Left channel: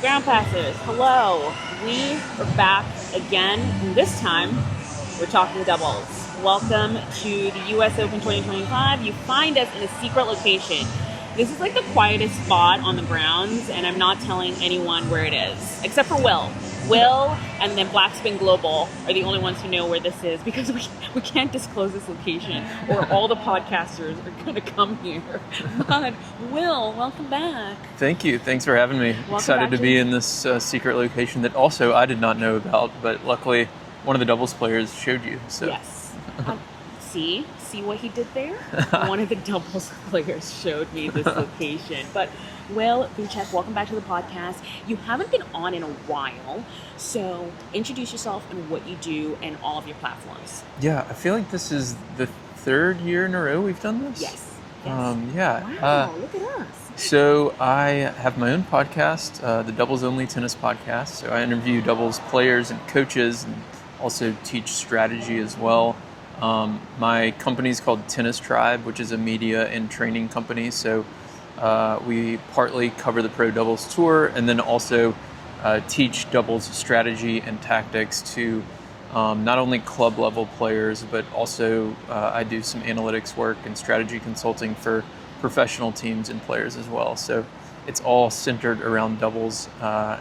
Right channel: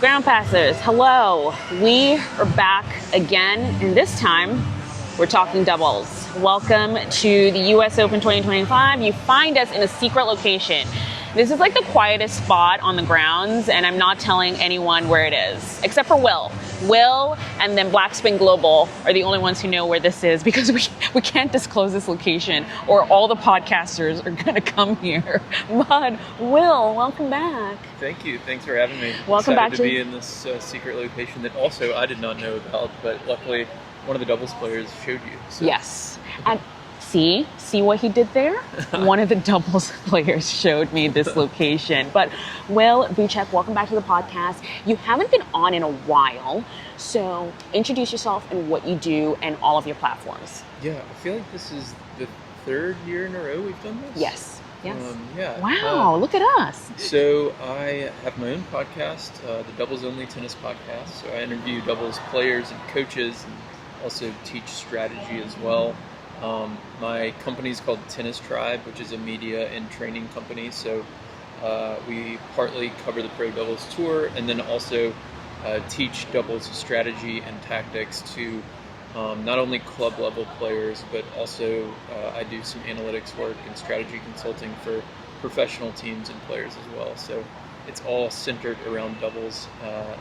Ground passers, hello. We are back again, and this time we're talking doubles. Welcome to the US Open 2025. You find us in a secret location. This is like the quietest spot on the grounds, and I'm not telling anyone where it is, except for Will. Will and then Black Spin Global are the only ones who know where this is because we can't disclose this location or all the podcasters are going to come here. But Will, welcome back. Thank you. Thanks for having me. Welcome Excited back to be in this secret location that also I did not know about, but luckily one of the doubles players showed you. So. Yes. And see what he did there? One of the doubles players showed me this location. But Will Boucek, welcome back to the podcast. You haven't been on in a while, so introduce yourself and what you do and all of your platforms. Yeah, I feel like this is the third year in a row we've done this. Yes. Yeah. Wow, look at us. So I have my own podcast, the Doubles Only Tennis Podcast. So I interview doubles players and coaches and also teach strategy as well. My company is called Tennis Tribe, which is a media and training company. So we partly cover the pro doubles tour and then also teach doubles strategy and tactics to not only club level players, but also I do some analytics work and strategy consulting for professional teams and players as well. So it's all centered around doubles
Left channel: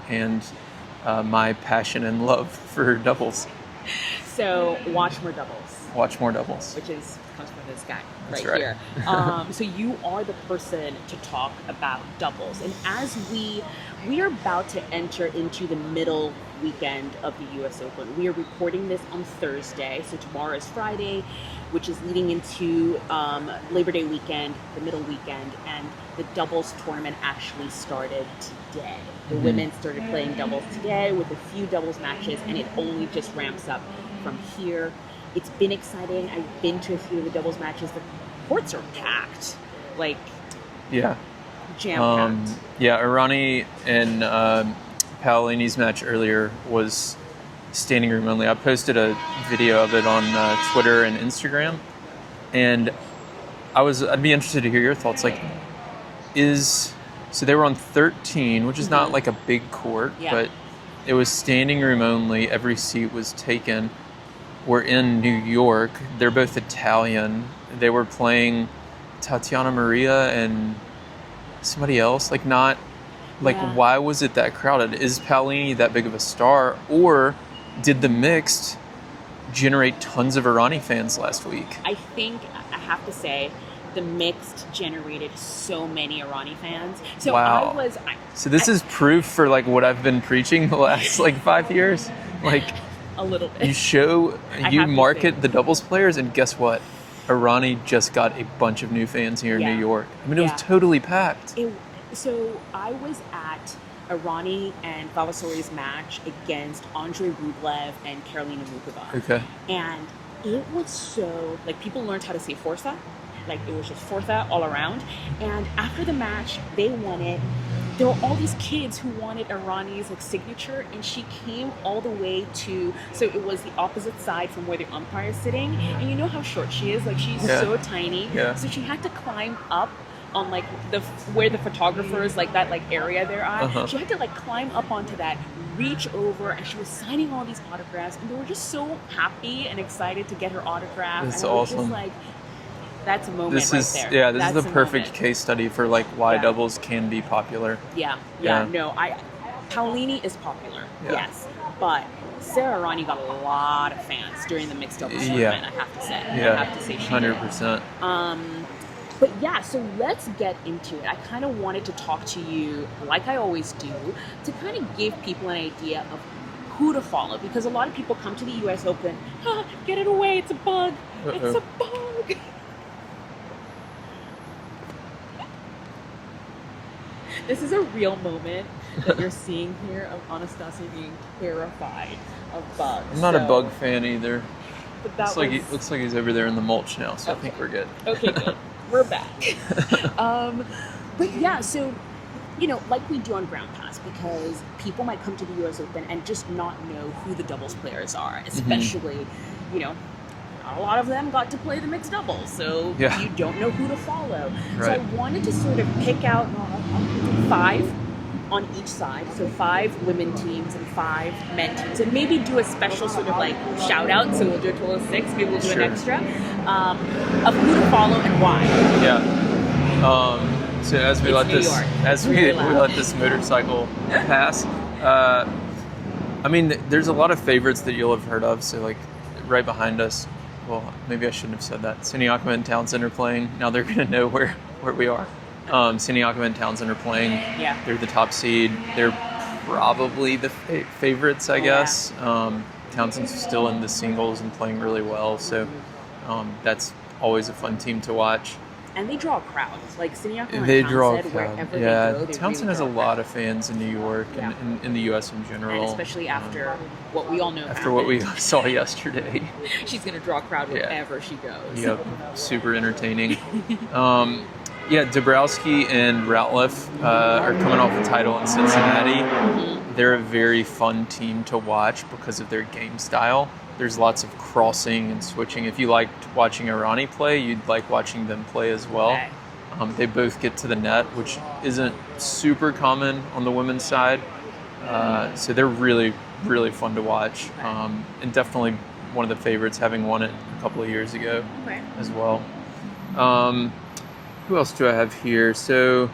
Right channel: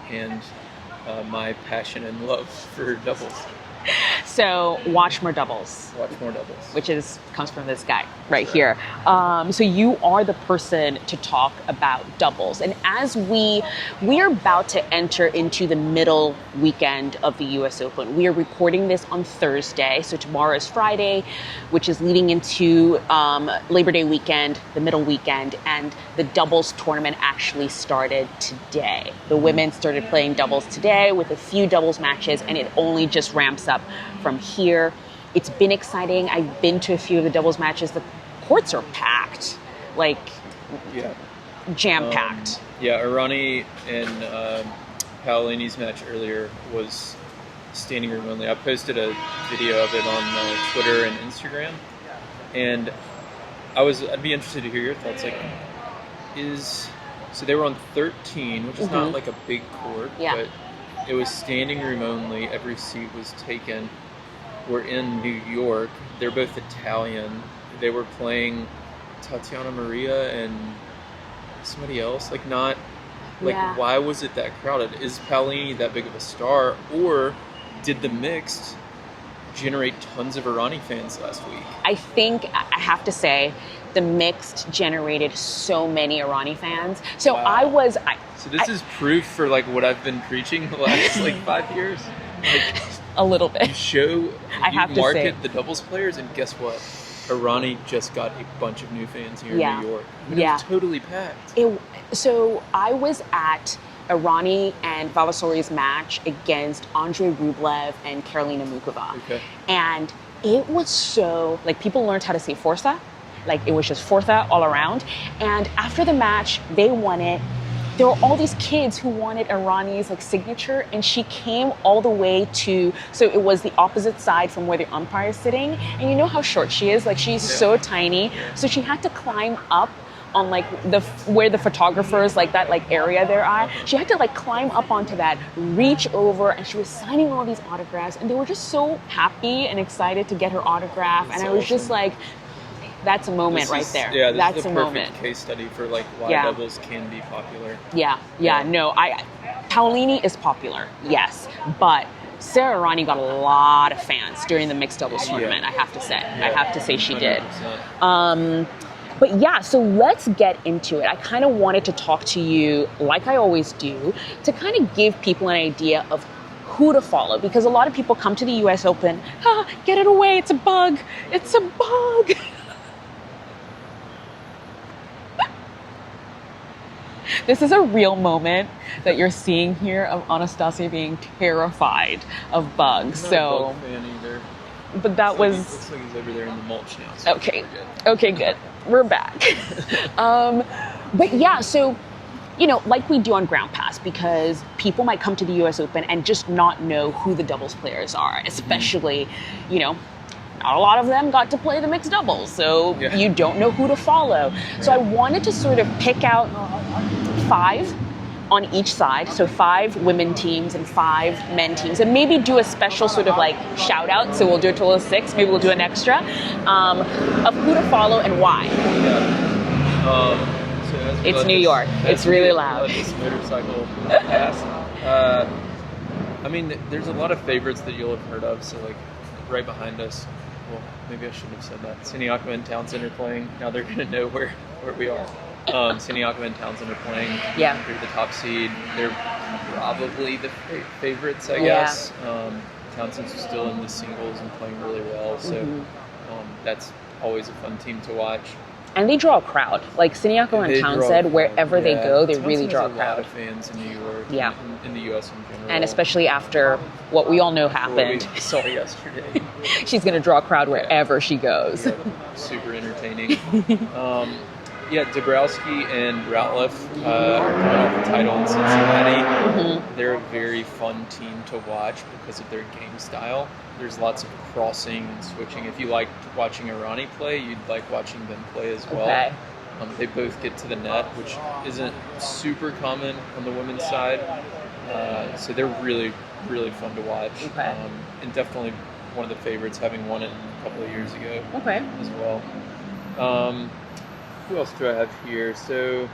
and my passion and love for doubles. So watch more doubles. Watch more doubles. Which comes from this guy right That's here. So you are the person to talk about doubles. And as we're about to enter into the middle weekend of the US Open. We are recording this on Thursday. So tomorrow is Friday, which is leading into Labor Day weekend, the middle weekend. And the doubles tournament actually started today. The women started playing doubles today with a few doubles matches, and it only just ramps up from here. It's been exciting. I've been to a few of the doubles matches. The courts are packed, like jam-packed. Irani and Paolini's match earlier was standing room only. I posted a video of it on Twitter and Instagram, and I'd be interested to hear your thoughts. So they were on 13, which is not like a big court, but it was standing room only. Every seat was taken. We're in New York. They're both Italian. They were playing Tatiana Maria and somebody else. Why was it that crowded? Is Paolini that big of a star? Or did the mixed generate tons of Irani fans last week? I think I have to say the mixed generated so many Irani fans. So wow. So this is proof for what I've been preaching the last 5 years. A little bit. You market the doubles players, and guess what? Irani just got a bunch of new fans here in New York. I mean, it was totally packed. So I was at Irani and Vavasori's match against Andrei Rublev and Katerina Mukova. Okay. And it was so, people learned how to say forza. It was just forza all around. And after the match, they won it. There were all these kids who wanted Irani's signature, and she came all the way so it was the opposite side from where the umpire is sitting. And you know how short she is? She's so tiny. Yeah. So she had to climb up on where the photographers that area there are. She had to climb up onto that, reach over, and she was signing all these autographs, and they were just so happy and excited to get her autograph. That's and I was awesome. just that's a moment right there. Yeah, this is the perfect moment. Case study for why doubles can be popular. No, Paolini is popular, yes, but Sarah Irani got a lot of fans during the mixed doubles tournament. I have to say, she 100%. did. But so let's get into it. I kind of wanted to talk to you, like I always do, to kind of give people an idea of who to follow, because a lot of people come to the US Open, get it away, it's a bug, it's a bug. This is a real moment that you're seeing here of Anastasia being terrified of bugs. I'm not a bug fan either. But that looks like he's over there in the mulch now, so okay. we're good. Okay, good. We're back. So, like we do on Ground Pass, because people might come to the US Open and just not know who the doubles players are, especially, not a lot of them got to play the mixed doubles, so you don't know who to follow. Right. So I wanted to sort of pick out 5 on each side, so 5 women teams and 5 men teams, and maybe do a special sort of like shout out. So we'll do a total of 6. Maybe we'll do an extra of who to follow and why. Yeah. So as we it's let New this, York. As it's we, really we loud. let this motorcycle pass, I mean, there's a lot of favorites that you'll have heard of. So like right behind us. Well, maybe I shouldn't have said that. Siniakova and Townsend are playing. Now they're going to know where we are. Siniakova and Townsend are playing. Yeah. They're the top seed. They're probably the favorites, I guess. Townsend's still in the singles and playing really well. So that's always a fun team to watch. And they draw a crowd. Like Siniakova and Townsend, wherever they go, they Townsend really draw a crowd. has a lot of fans in New York and in the U.S. in general. And especially after what we all know after happened. what we saw yesterday. She's going to draw a crowd wherever she goes. Yep. Super entertaining. Dabrowski and Ratliff are coming off the title in Cincinnati. They're a very fun team to watch because of their game style. There's lots of crossing and switching. If you liked watching Irani play, you'd like watching them play as well. Okay. They both get to the net, which isn't super common on the women's side. So they're really, really fun to watch. Okay. And definitely one of the favorites, having won it a couple of years ago as well. Who else do I have here? So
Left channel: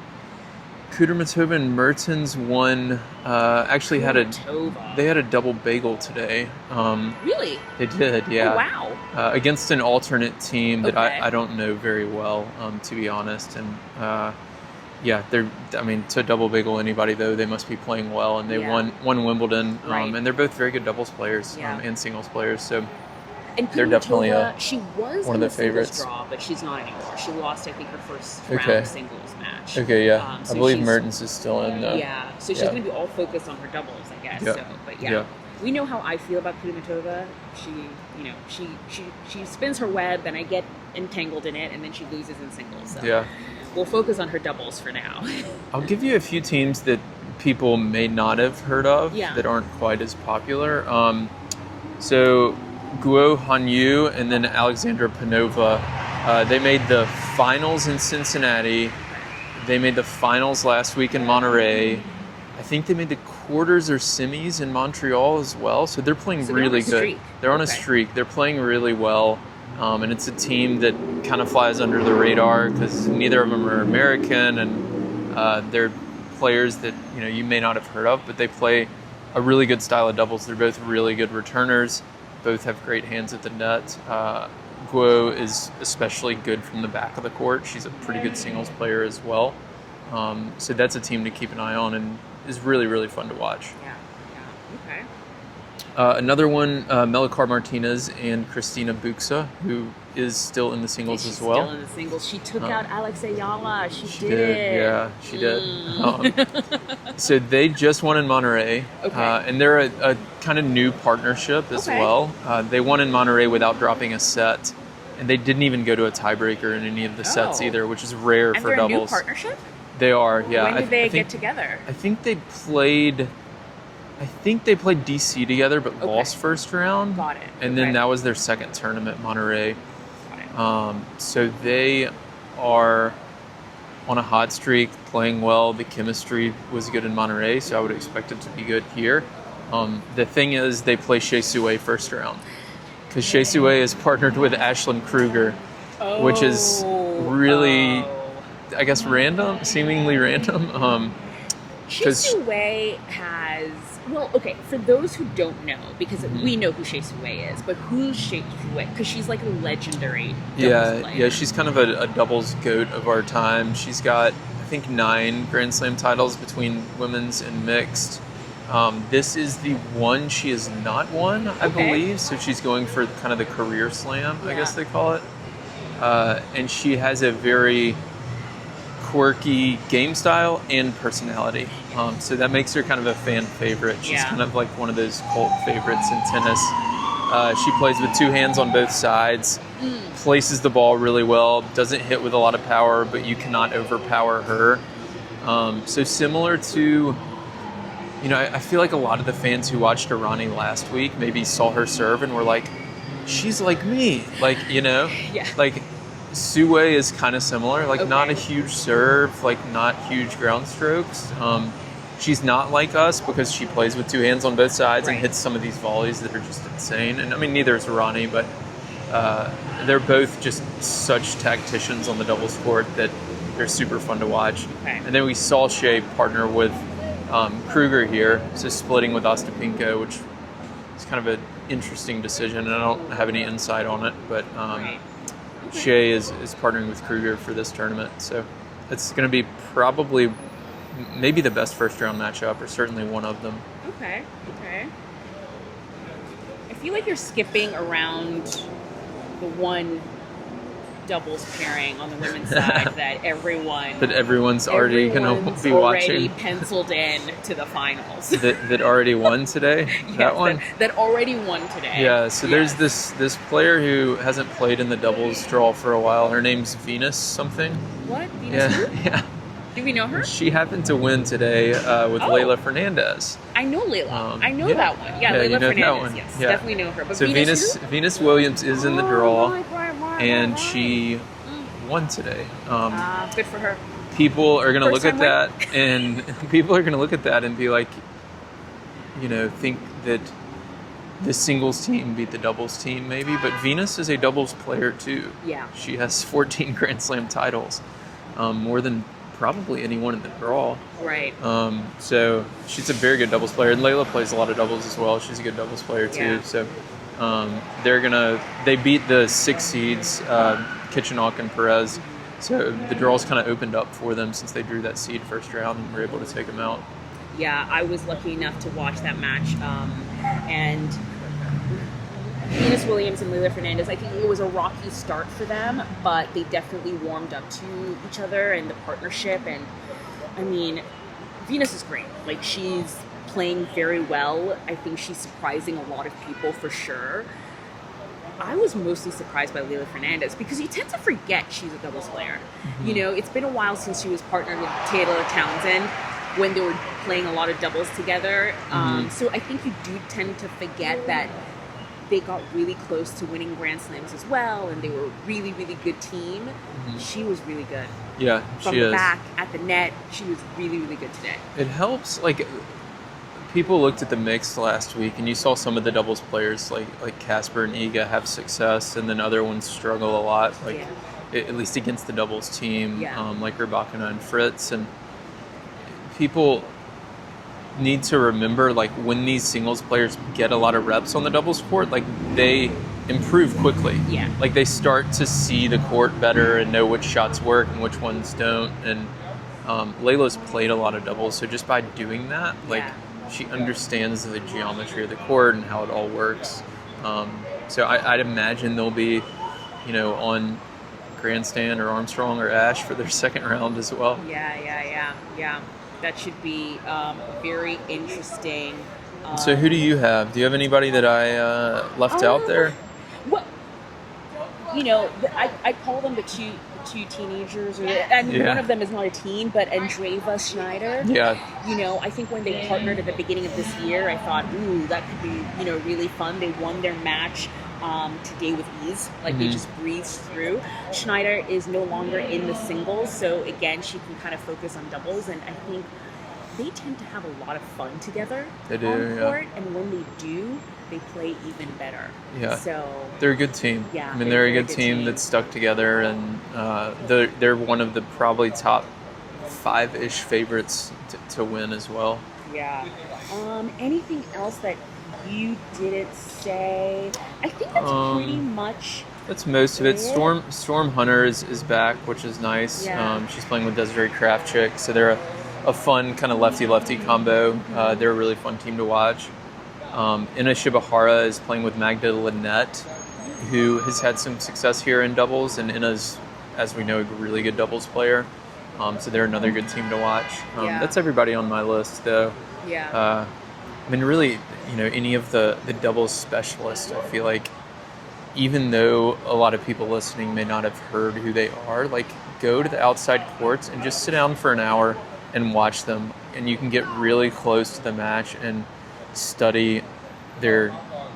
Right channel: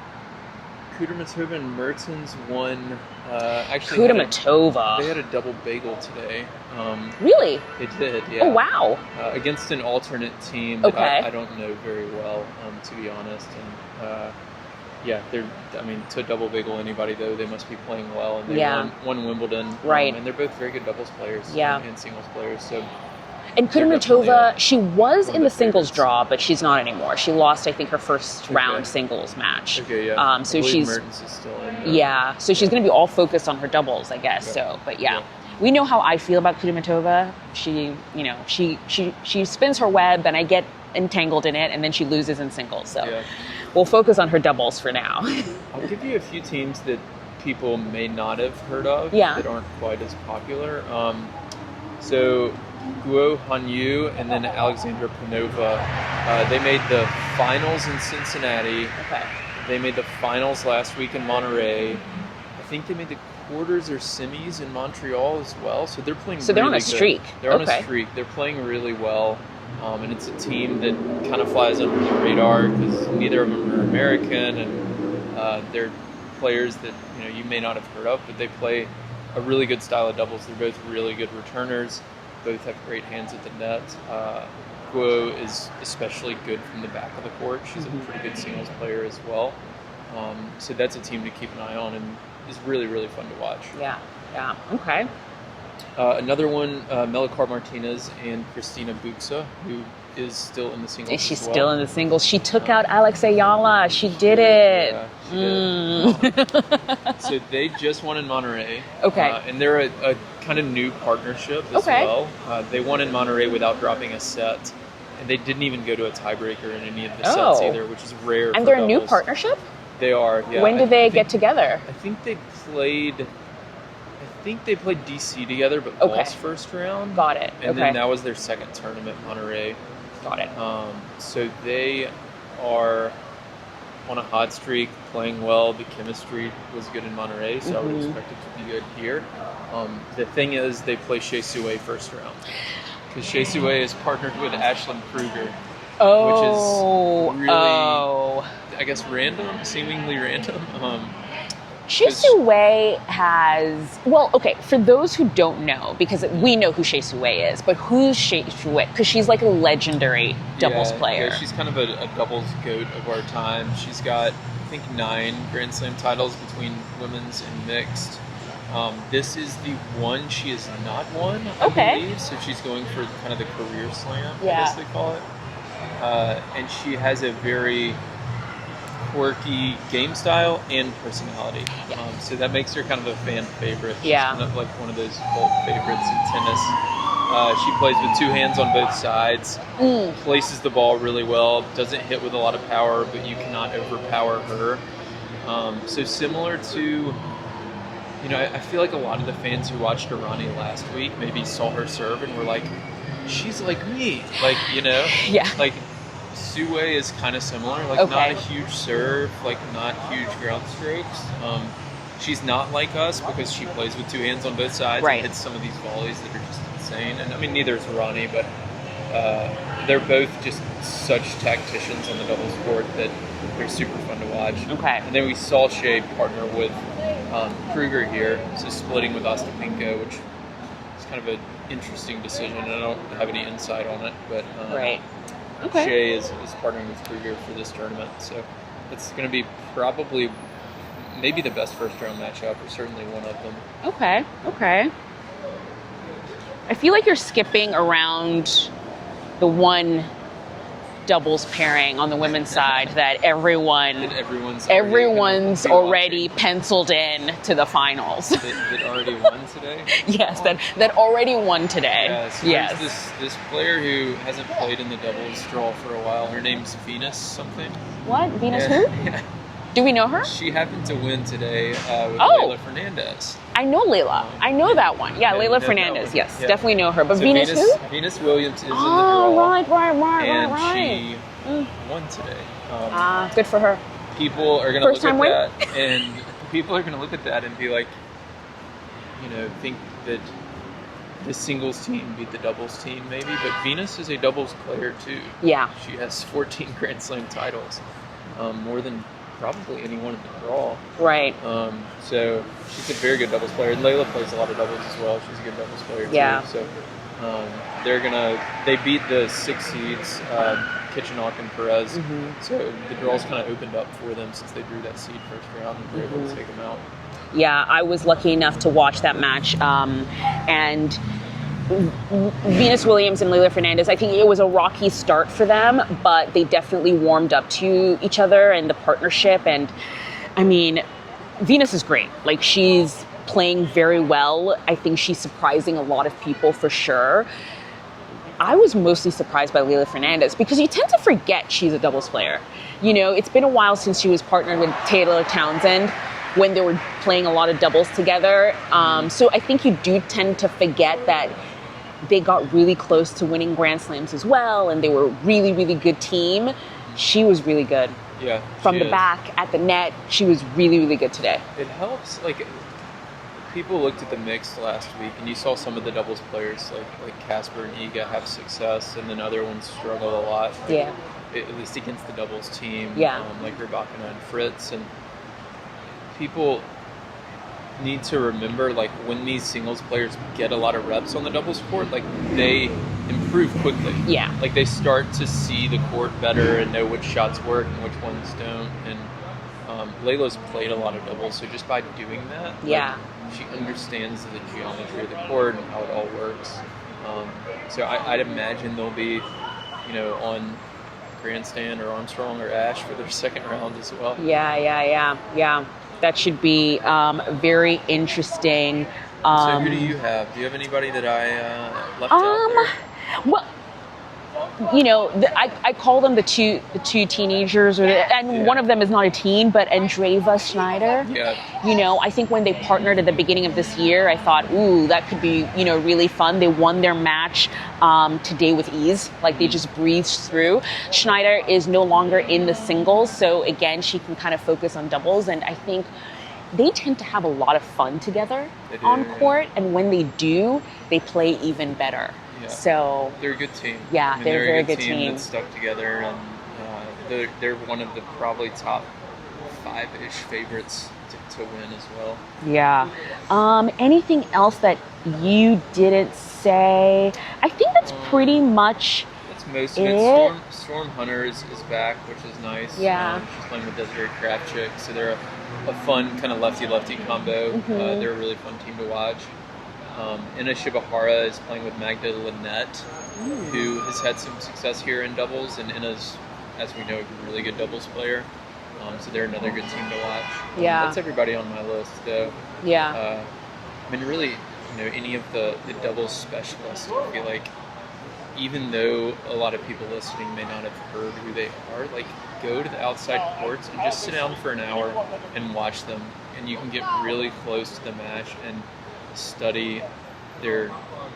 Kudermetova and Mertens won. Actually, they had a double bagel today. Really? They did, yeah. Oh, wow. Against an alternate team that I don't know very well, to be honest. And to double bagel anybody though, they must be playing well, and they won Wimbledon. Right. And they're both very good doubles players and singles players. So. And Kudermetova, she was in the singles favorites. Draw, but she's not anymore. She lost, I think, her first round singles match. Okay, yeah. So I believe she's Mertens is still in. So she's going to be all focused on her doubles, I guess. Yeah. So, but we know how I feel about Kudermetova. She spins her web, and I get entangled in it, and then she loses in singles. So we'll focus on her doubles for now. I'll give you a few teams that people may not have heard of that aren't quite as popular. So Guo Hanyu and then Alexandra Panova, they made the finals in Cincinnati. Okay. They made the finals last week in Monterey. I think they made the quarters or semis in Montreal as well. So they're playing really good. So they're on a streak. They're on a streak. They're playing really well. And it's a team that kind of flies under the radar because neither of them are American, and they're players that you may not have heard of, but they play a really good style of doubles. They're both really good returners. Both have great hands at the net. Guo is especially good from the back of the court. She's a pretty good singles player as well. So that's a team to keep an eye on and is really, really fun to watch. Yeah. Okay. Another one, Melikar Martinez and Kristina Buxa, who is still in the singles She's as well. still in the singles. She took out Alex Ayala. She did it. Yeah, she did. So they just won in Monterey. Okay. And they're a kind of new partnership as well. They won in Monterey without dropping a set. And they didn't even go to a tiebreaker in any of the sets either, which is rare for doubles. And they're a new partnership? They are, yeah. When did they get together? I think they played DC together, but lost first round. Got it. And then that was their second tournament, Monterey. Got it. So they are on a hot streak, playing well. The chemistry was good in Monterey, so I would expect it to be good here. The thing is, they play Shea Sue first round. Because Shea Sue is partnered with Ashlyn Kruger, which is really, I guess, seemingly random. Shea Sue has, for those who don't know, because we know who Shea Sue is, but who's Shea Sue? Because she's like a legendary doubles player. Yeah, she's kind of a doubles goat of our time. She's got, I think, 9 Grand Slam titles between women's and mixed. This is the one she has not won, I believe, so she's going for kind of the career slam, I guess they call it. And she has a very quirky game style and personality. So that makes her kind of a fan favorite. She's kind of like one of those cult favorites in tennis. She plays with 2 hands on both sides, places the ball really well, doesn't hit with a lot of power, but you cannot overpower her. So similar to, I feel like a lot of the fans who watched Irani last week maybe saw her serve and were like, she's like me. Like, like Sue is kind of similar, not a huge serve, not huge ground strokes. she's not like us because she plays with two hands on both sides Right. and hits some of these volleys that are just insane. And I mean, neither is Ronnie, but they're both just such tacticians on the doubles court that they're super fun to watch. Okay. And then we saw Shea partner with Kruger here, so splitting with Ostapенko, which is kind of an interesting decision, and I don't have any insight on it, but Right. Okay. Shea is partnering with Kruger for this tournament, so it's going to be probably maybe the best first round matchup, or certainly one of them. Okay. I feel like you're skipping around the one doubles pairing on the women's side that everyone's already penciled in to the finals. that already won today? Yes, that already won today. Yeah, so there's this player who hasn't played in the doubles draw for a while. Her name's Venus something. What? Venus who? Yeah. Do we know her? She happened to win today with Leylah Fernandez. I know Layla. I know that one. Yeah, Leylah you know that Fernandez. one. Yes, Yeah. definitely know her. But So Venus who? Venus Williams is in the draw. Right. And she won today. Good for her. People are going to look First at time that and be like, think that the singles team beat the doubles team maybe, but Venus is a doubles player too. Yeah. She has 14 Grand Slam titles, more than probably anyone in the draw. Right. So she's a very good doubles player, and Leylah plays a lot of doubles as well. She's a good doubles player too. Yeah. So they beat the 6 seeds, Kitchenok and Perez. Mm-hmm. So the draw's kind of opened up for them since they drew that seed first round and were able to take them out. Yeah, I was lucky enough to watch that match, and Venus Williams and Leylah Fernandez, I think it was a rocky start for them, but they definitely warmed up to each other and the partnership. And I mean, Venus is great. Like, she's playing very well. I think she's surprising a lot of people for sure. I was mostly surprised by Leylah Fernandez because you tend to forget she's a doubles player. It's been a while since she was partnered with Taylor Townsend when they were playing a lot of doubles together. So I think you do tend to forget that they got really close to winning Grand Slams as well, and they were a really, really good team. She was really good. Yeah, From the back, at the net, she was really, really good today. It helps, people looked at the mix last week, and you saw some of the doubles players like Casper and Iga have success, and then other ones struggle a lot. At least against the doubles team, like Rybakina and Fritz. And people need to remember, when these singles players get a lot of reps on the doubles court, they improve quickly. Yeah. They start to see the court better and know which shots work and which ones don't. And Leylah's played a lot of doubles, so just by doing that, she understands the geometry of the court and how it all works. So I'd imagine they'll be, on Grandstand or Armstrong or Ash for their second round as well. Yeah. That should be very interesting. So who do you have? Do you have anybody that I left out there? Well, I call them the two teenagers, one of them is not a teen, but Andreeva Schneider. Yeah. I think when they partnered at the beginning of this year, I thought, ooh, that could be, really fun. They won their match today with ease. They just breezed through. Schneider is no longer in the singles, so again, she can kind of focus on doubles, and I think they tend to have a lot of fun together on court, and when they do, they play even better. Yeah. So they're a good team. Yeah, they're a good team that's stuck together, and they're one of the probably top 5-ish favorites to win as well. Yeah. Anything else that you didn't say? I think that's pretty much. That's most of it. Storm Hunter is back, which is nice. Yeah. She's playing with Desiree Kravchuk, so they're a fun kind of lefty-lefty combo. They're a really fun team to watch. Ina Shibahara is playing with Magda Linette, who has had some success here in doubles, and Ina's, as we know, a really good doubles player. So they're another good team to watch. That's everybody on my list, though. Yeah. Really, any of the doubles specialists, I feel like, even though a lot of people listening may not have heard who they are, go to the outside courts and just sit down for an hour and watch them, and you can get really close to the match and study the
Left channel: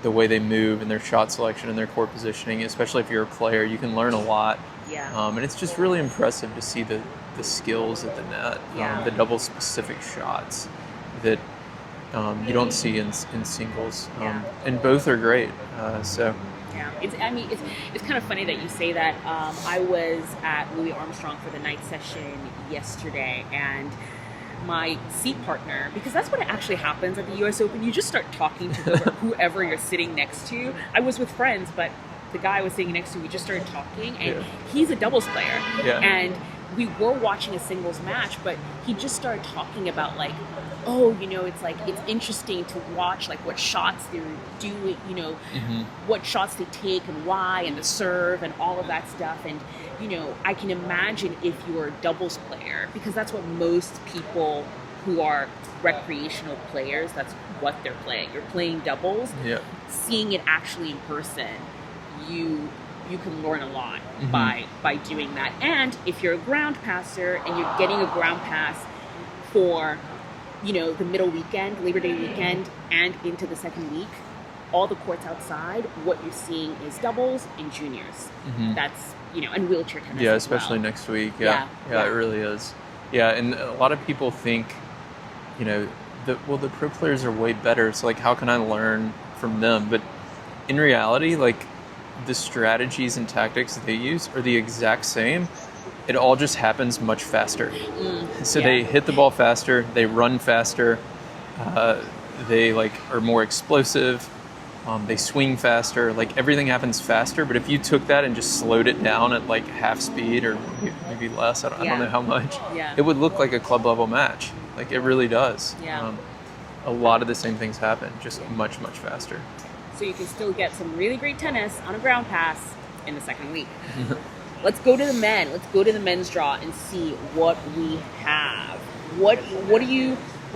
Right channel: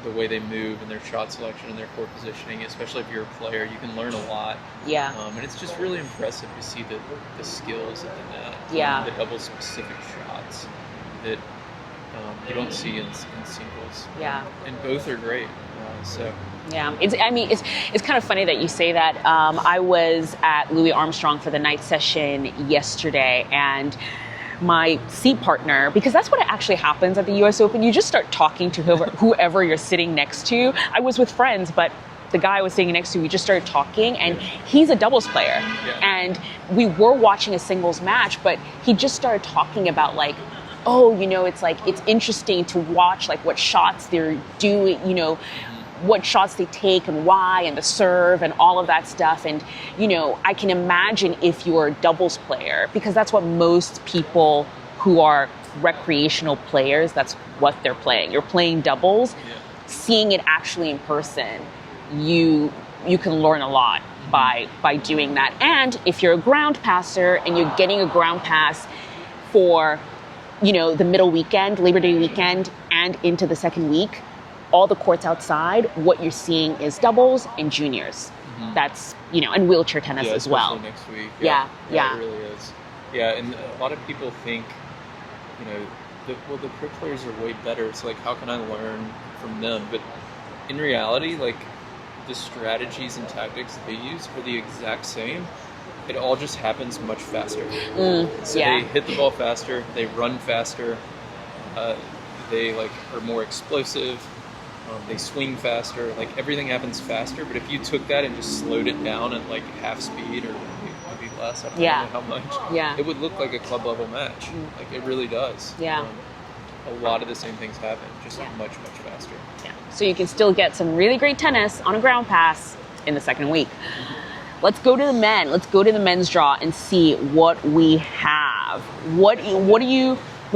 way they move and their shot selection and their court positioning. Especially if you're a player, you can learn a lot. Yeah. And it's just really impressive to see the skills at the net. Yeah. The double specific shots. you don't see in singles. Yeah. And both are great. So. Yeah, it's kind of funny that you say that. I was at Louis Armstrong for the night session yesterday, and my seat partner, because that's what actually happens at the U.S. Open, you just start talking to whoever you're sitting next to. I was with friends, but the guy I was sitting next to, we just started talking, and he's a doubles player. Yeah. And we were watching a singles match, but he just started talking about like, oh, it's interesting to watch like what shots they're doing, what shots they take and why, and the serve and all of that stuff. And, I can imagine if you're a doubles player, because that's what most people who are recreational players, that's what they're playing. You're playing doubles. Yeah. Seeing it actually in person, you can learn a lot by doing that. And if you're a ground passer and you're getting a ground pass for the middle weekend, Labor Day weekend, and into the second week, all the courts outside, what you're seeing is doubles and juniors. That's, and wheelchair tennis as well. Especially next week. Yeah, it really is. Yeah, and a lot of people think, the pro players are way better, so like how can I learn from them? But in reality, like the strategies and tactics that they use are the exact same. It all just happens much faster. So they hit the ball faster, they run faster, they are more explosive, they swing faster. Like everything happens faster. But if you took that and just slowed it down at like half speed or maybe less, I don't know how much, it would look like a club level match. Like it really does. Yeah. A lot of the same things happen, just much, much faster. Yeah. So you can still get some really great tennis on a ground pass in the second week. Let's go to the men. Let's go to the men's draw and see what we have. What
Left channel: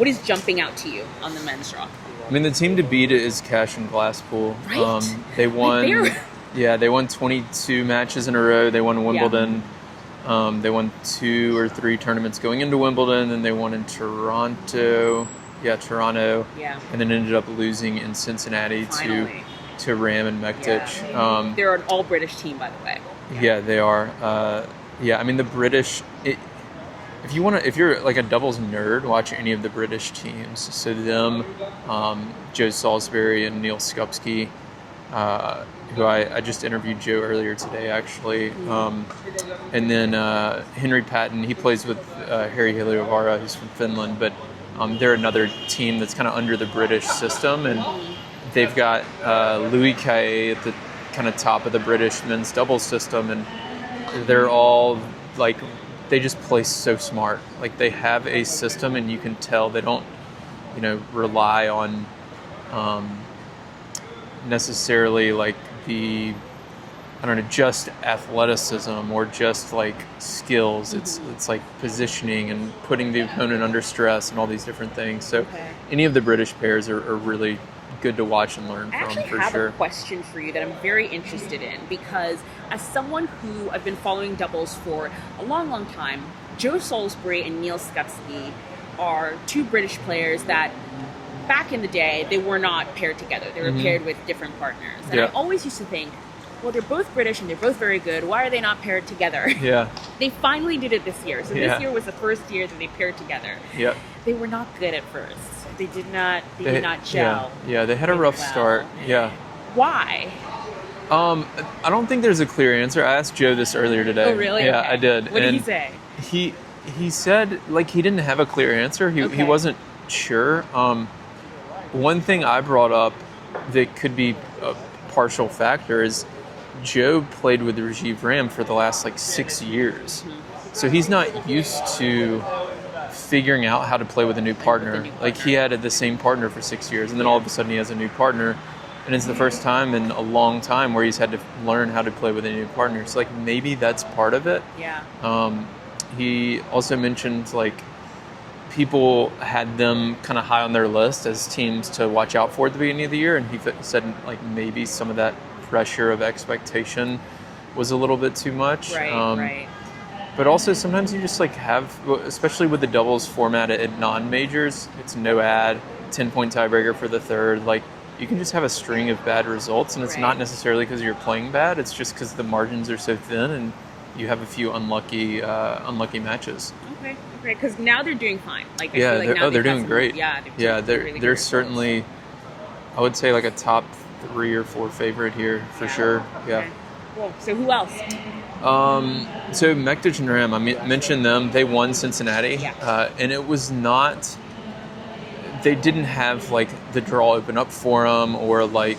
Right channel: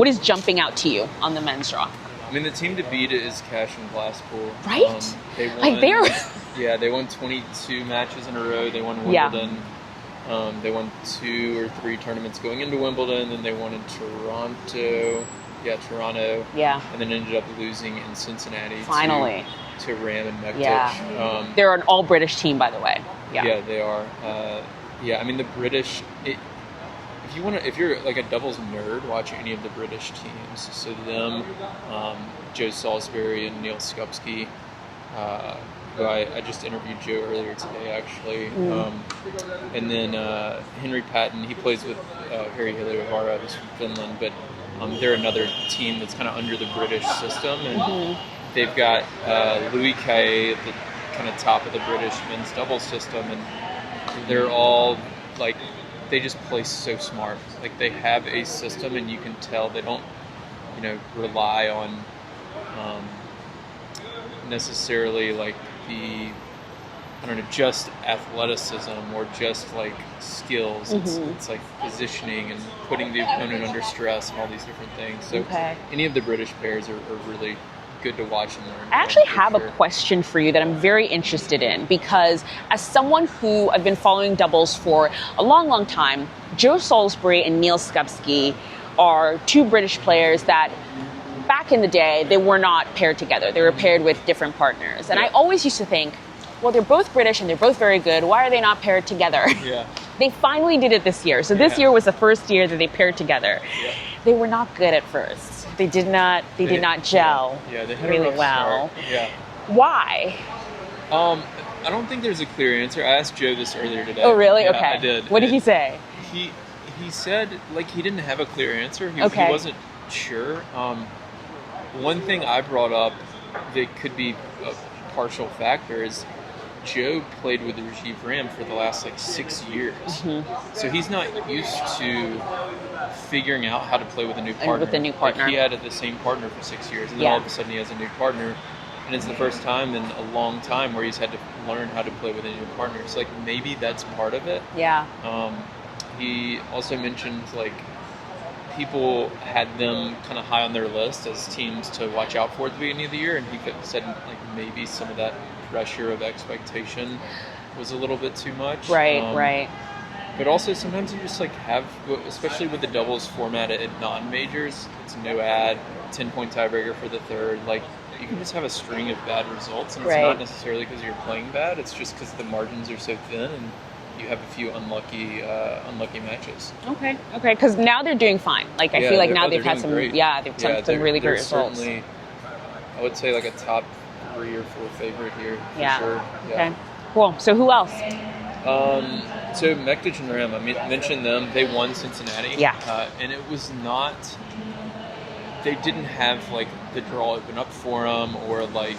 is jumping out to you on the men's draw? I mean, the team to beat is Cash and Glasspool. Right? They won. Like they won 22 matches in a row. They won Wimbledon. They won 2 or 3 tournaments going into Wimbledon, and they won in Toronto. Toronto. Yeah. And then ended up losing in Cincinnati to Ram and Mektic. Yeah. They're an all-British team, by the way. Yeah, they are. I mean, the British. If you're like a doubles nerd, watch any of the British teams. So them, Joe Salisbury and Neil Skupski, who I just interviewed Joe earlier today, actually. And then Henry Patton, he plays with Harry Heliovara, who's from Finland, but they're another team that's kind of under the British system, and they've got Louis Caillé at the kind of top of the British men's doubles system, and they're all like, they just play so smart. Like they have a system, and you can tell they don't, rely on necessarily like just athleticism or just like skills. It's like positioning and putting the opponent under stress and all these different things. So any of the British pairs are really good to watch and learn. I actually have a question for you that I'm very interested in, because as someone who I've been following doubles for a long, long time, Joe Salisbury and Neil Skupski are 2 British players that back in the day, they were not paired together. They were paired with different partners. And I always used to think, well, they're both British and they're both very good. Why are they not paired together? Yeah. They finally did it this year. So this year was the first year that they paired together. Yep. They were not good at first. They did not gel. Yeah, they had a really rough start. Yeah. Why? I don't think there's a clear answer. I asked Joe this earlier today. Oh, really? Yeah, okay. I did. What did he say? He said like he didn't have a clear answer. He wasn't sure. One thing I brought up that could be a partial factor is Joe played with Rajiv Ram for the last 6 years. So he's not used to figuring out how to play with a new partner. Like he had the same partner for 6 years, and then all of a sudden he has a new partner, and it's the first time in a long time where he's had to learn how to play with a new partner. So maybe that's part of it. Yeah. He also mentioned people had them kind of high on their list as teams to watch out for at the beginning of the year, and he said maybe some of that pressure of expectation was a little bit too much. Right. But also sometimes you just have, especially with the doubles format at non-majors, it's no ad, 10-point tiebreaker for the third. You can just have a string of bad results, and it's not necessarily because you're playing bad. It's just because the margins are so thin, and you have a few unlucky matches. Okay. Because now they're doing fine. Like, I feel like now they've had some. Great. Yeah, they've had some really great results. They're certainly, I would say, like a top 3 or 4 favorite here for sure. Yeah. Okay. Cool. So who else? So Mektic and Ram, I mentioned them. They won Cincinnati. Yeah. And it was not. They didn't have like the draw open up for them, or like,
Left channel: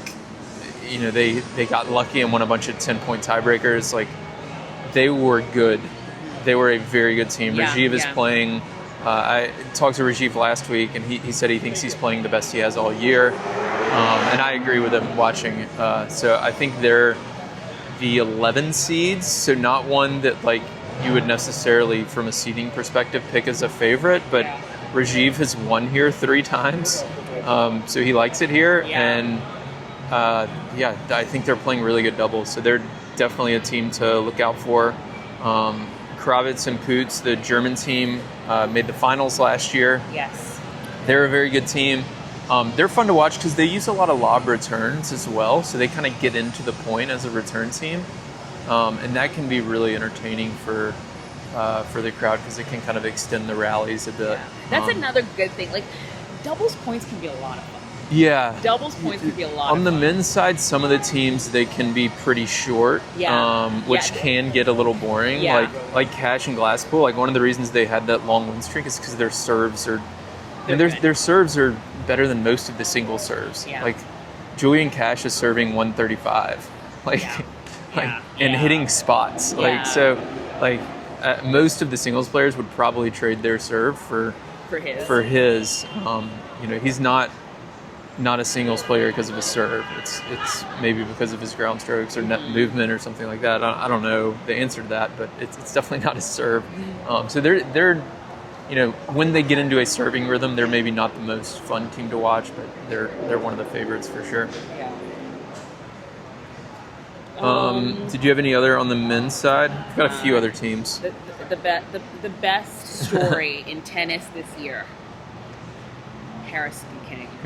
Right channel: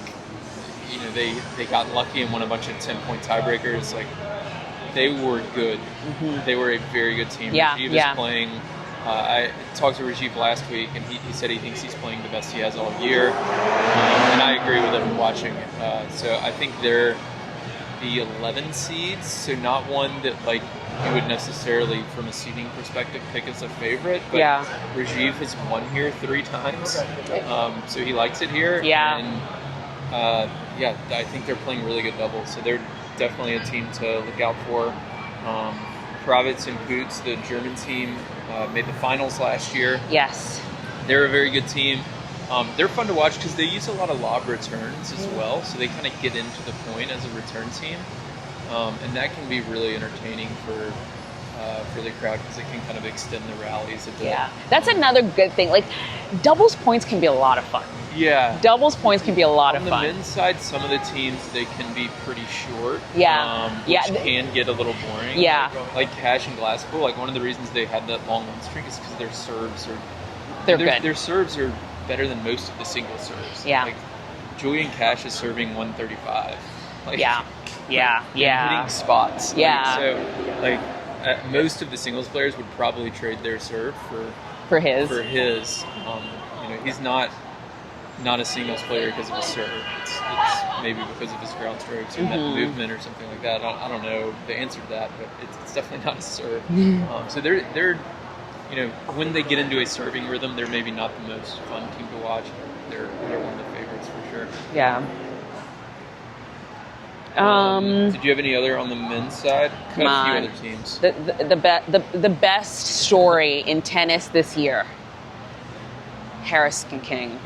you know, they got lucky and won a bunch of 10-point tiebreakers. Like, they were good. Mm-hmm. They were a very good team. Yeah, Rajiv is playing. I talked to Rajiv last week, and he said he thinks he's playing the best he has all year. And I agree with him watching. So I think they're the 11 seeds, so not one that like you would necessarily, from a seeding perspective, pick as a favorite. But Rajiv has won here 3 times, so he likes it here. Yeah. And I think they're playing really good doubles, so they're definitely a team to look out for. Kravitz and Poots, the German team, made the finals last year. Yes. They're a very good team. They're fun to watch because they use a lot of lob returns as well, so they kind of get into the point as a return team. And that can be really entertaining for the crowd because it can kind of extend the rallies a bit. Yeah, that's another good thing. Like, doubles points can be a lot of fun. Yeah. Doubles points can be a lot of fun. On the men's side, some of the teams, they can be pretty short, which can get a little boring. Yeah. Like Cash and Glasspool, like one of the reasons they had that long win streak is because their serves are their serves are better than most of the single serves. Yeah. Like Julian Cash is serving 135. Like, and hitting spots. Yeah. Like, so, like, most of the singles players would probably trade their serve for his. You know, he's not a singles player because of his serve. It's maybe because of his ground strokes or net movement or something like that. I don't know the answer to that, but it's definitely not his serve. So they're you know, when they get into a serving rhythm, they're maybe not the most fun team to watch, but they're one of the favorites for sure. Yeah. Did you have any other on the men's side? Got a few other teams. The best story in tennis this year. Harrison and King.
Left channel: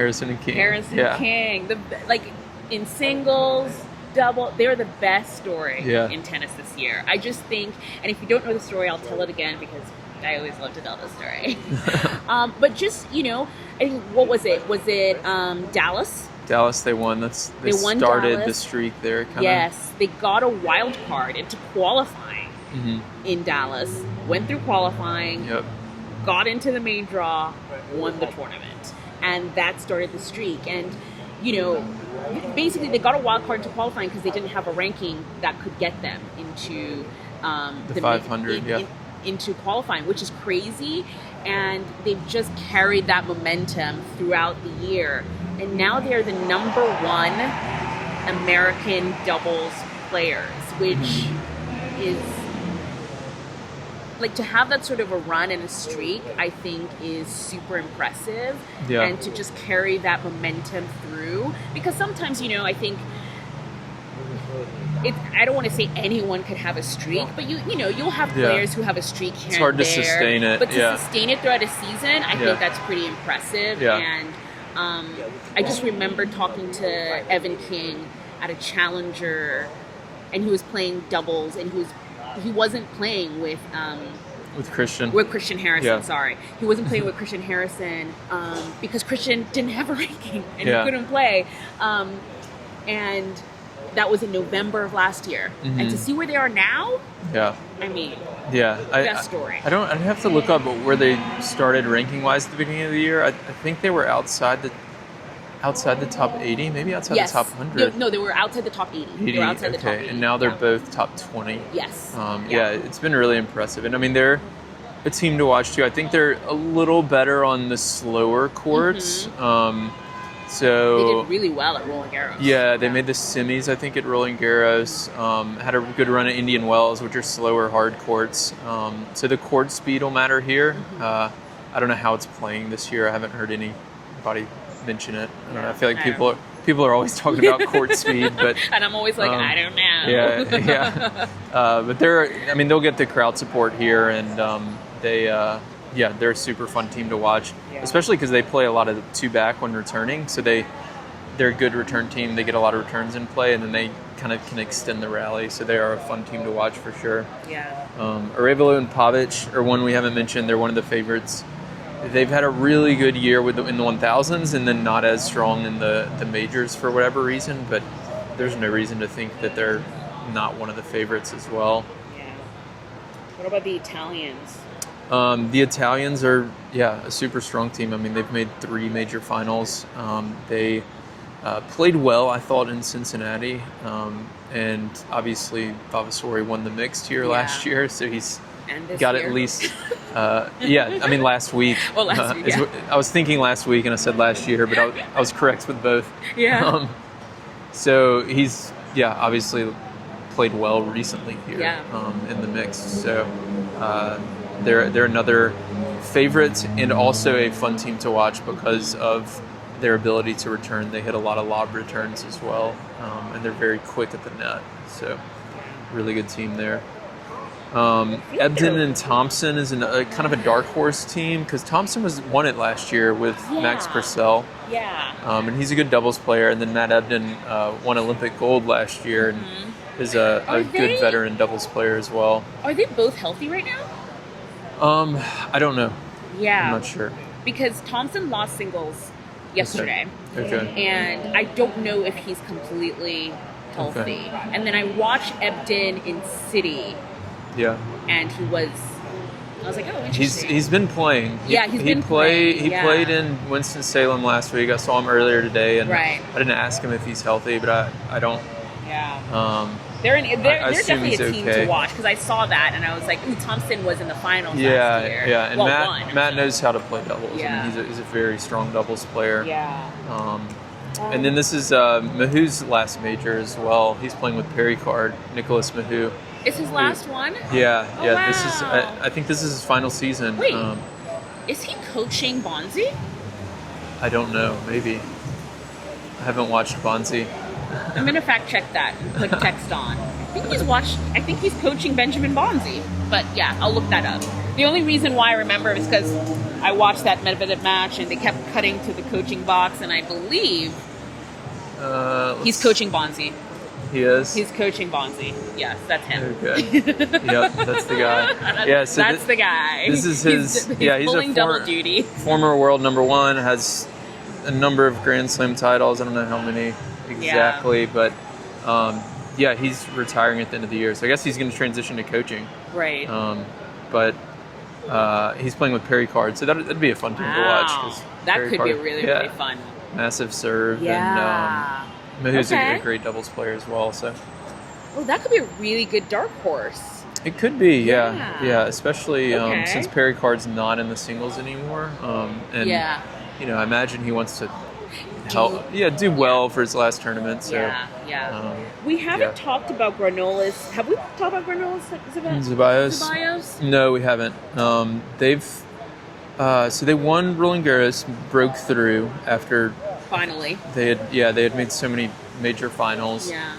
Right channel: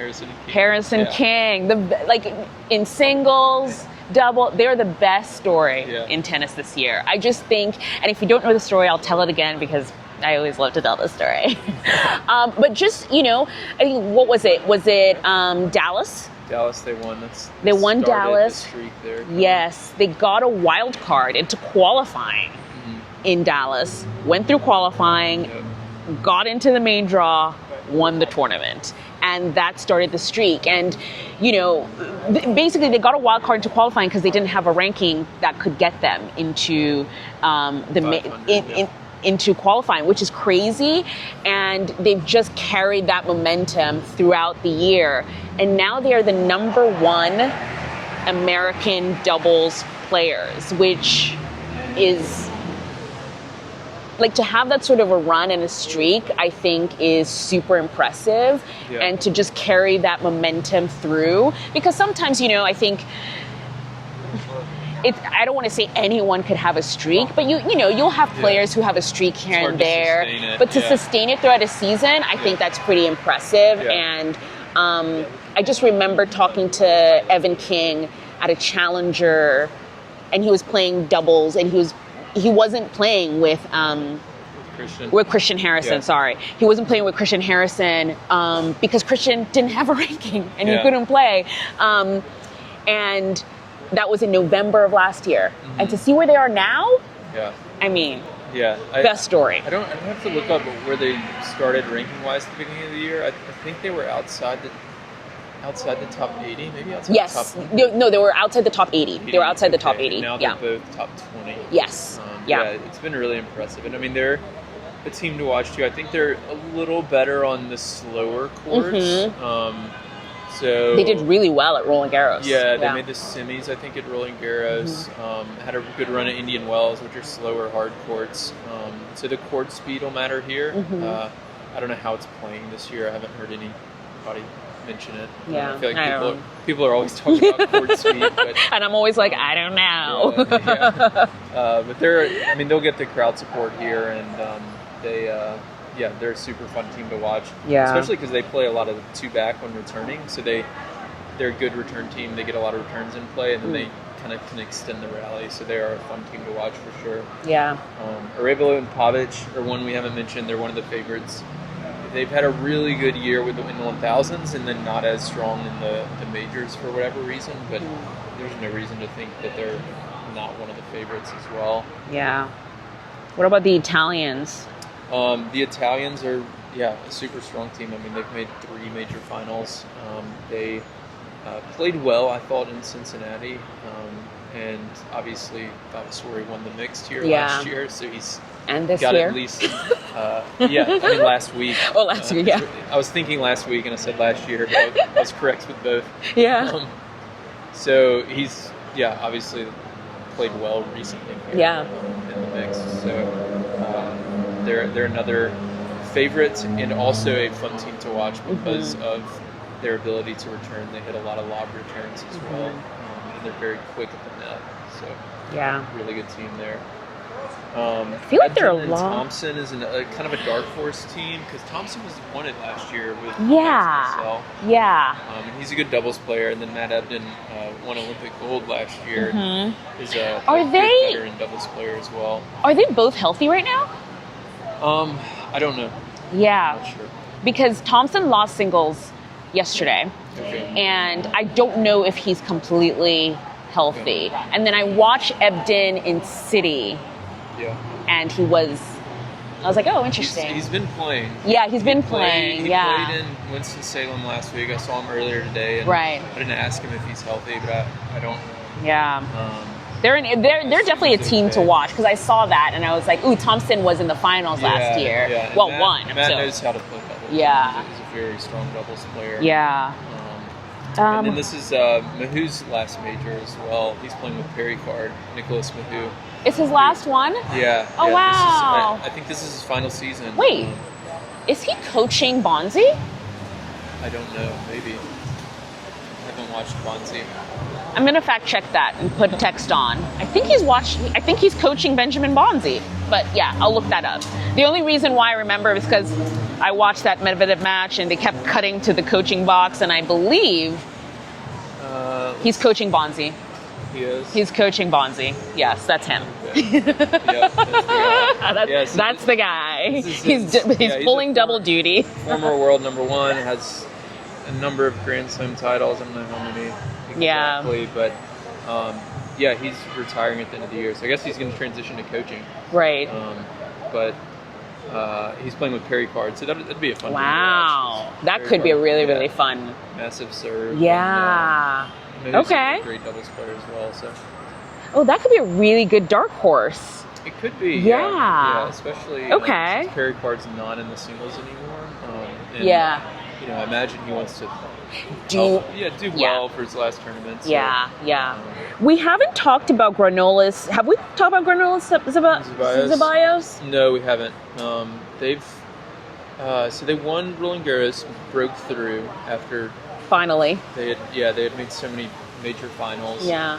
Like in singles, double, they're the best story in tennis this year. I just think, and if you don't know the story, I'll tell it again because I always love to tell the story. But just, you know, I think, what was it? Was it Dallas? Dallas, they won. They won started Dallas. the streak there. Kinda. Yes, they got a wild card into qualifying in Dallas, went through qualifying, got into the main draw, won the tournament. And that started the streak. And, you know, basically they got a wild card into qualifying because they didn't have a ranking that could get them into the 500, into qualifying, which is crazy. And they've just carried that momentum throughout the year. And now they're the #1 American doubles players, which is, like, to have that sort of a run and a streak, I think is super impressive. Yeah. And to just carry that momentum through. Because sometimes, you know, I think I don't want to say anyone could have a streak, but you know, you'll have players who have a streak here and there. It's hard to sustain it. But to sustain it throughout a season, I think that's pretty impressive. Yeah. And I just remember talking to Evan King at a challenger, and he was playing doubles, and he wasn't playing with Christian Harrison. Yeah. Sorry, he wasn't playing with Christian Harrison because Christian didn't have a ranking and he couldn't play. And that was in November of last year. And to see where they are now, I mean, best story. I'd have to look up where they started ranking wise at the beginning of the year. I think they were outside the top 80, maybe outside the top 100. No, they were outside the top 80. They were outside the top 80. And now they're both top 20. Yes. It's been really impressive. And I mean, they're a team to watch too. I think they're a little better on the slower courts. So they did really well at Roland Garros. Yeah, they made the semis, I think, at Roland Garros. Had a good run at Indian Wells, which are slower, hard courts. So the court speed will matter here. I don't know how it's playing this year. I haven't heard anybody mention it. I feel like people are always talking about court speed, but and I'm always like, I don't know. But they'll get the crowd support here, and they're a super fun team to watch. Yeah. Especially because they play a lot of 2-back when returning, so they they're a good return team. They get a lot of returns in play, and then they kind of can extend the rally. So they are a fun team to watch for sure. Yeah. Arevalo and Pavic are one we haven't mentioned. They're one of the favorites. They've had a really good year in the 1000s, and then not as strong in the majors for whatever reason. But there's no reason to think that they're not one of the favorites as well. Yeah. What about the Italians? The Italians are, a super strong team. I mean, they've made 3 major finals. They played well, I thought, in Cincinnati. And obviously, Vavasori won the mixed here last year, so he's got year? at least, last week. Oh, last week, yeah. I was thinking last week, and I said last year, but I was correct with both. Yeah. So he's, obviously played well recently here in the mix. So they're another favorite and also a fun team to watch because of their ability to return. They hit a lot of lob returns as well, and they're very quick at the net. So really good team there. Ebden and Thompson is kind of a dark horse team because Thompson won it last year with Max Purcell. Yeah. And he's a good doubles player. And then Matt Ebden won Olympic gold last year and is a good veteran doubles player as well. Are they both healthy right now? I don't know. Yeah. I'm not sure. Because Thompson lost singles yesterday. Okay. And I don't know if he's completely healthy. Okay. And then I watched Ebden in City. Yeah. And I was like, oh, interesting. He's been playing. Yeah, he's been playing. He played in Winston-Salem last week. I saw him earlier today. And I didn't ask him if he's healthy, but I don't. Yeah. They're definitely a team to watch because I saw that and I was like, ooh, Thompson was in the finals last year. Yeah, and won. Matt knows how to play doubles. Yeah. I mean, he's a very strong doubles player. Yeah. And then this is Mahu's last major as well. He's playing with Pericard, Nicholas Mahu. It's his last one? Yeah. Oh, yeah. wow. I think this is his final season. Wait, is he coaching Bonzi? I don't know. Maybe. I haven't watched Bonzi. I'm going to fact check that and put text on. I think he's coaching Benjamin Bonzi. But yeah, I'll look that up. The only reason why I remember is because I watched that Medvedev match and they kept cutting to the coaching box and I believe he's coaching Bonzi. He is? He's coaching Bonzi. Yes, that's him. Okay. Yep, that's the guy. That's the guy. This is his, he's pulling double duty. Former world number 1, has a number of Grand Slam titles. I don't know how many exactly, but he's retiring at the end of the year. So I guess he's going to transition to coaching. Right. But he's playing with Pericard, so that'd be a fun game to watch. That could be a really fun. Massive serve. Yeah. And Mahu's a great doubles player as well. So. Oh, that could be a really good dark horse. It could be, yeah, especially since Pericard's not in the singles anymore. I imagine he wants to do well for his last tournament. So, we haven't talked about Granollers. Have we talked about Granollers Ceballos? No, we haven't. They won Roland Garros, broke through after finally. They had made so many major finals. Yeah.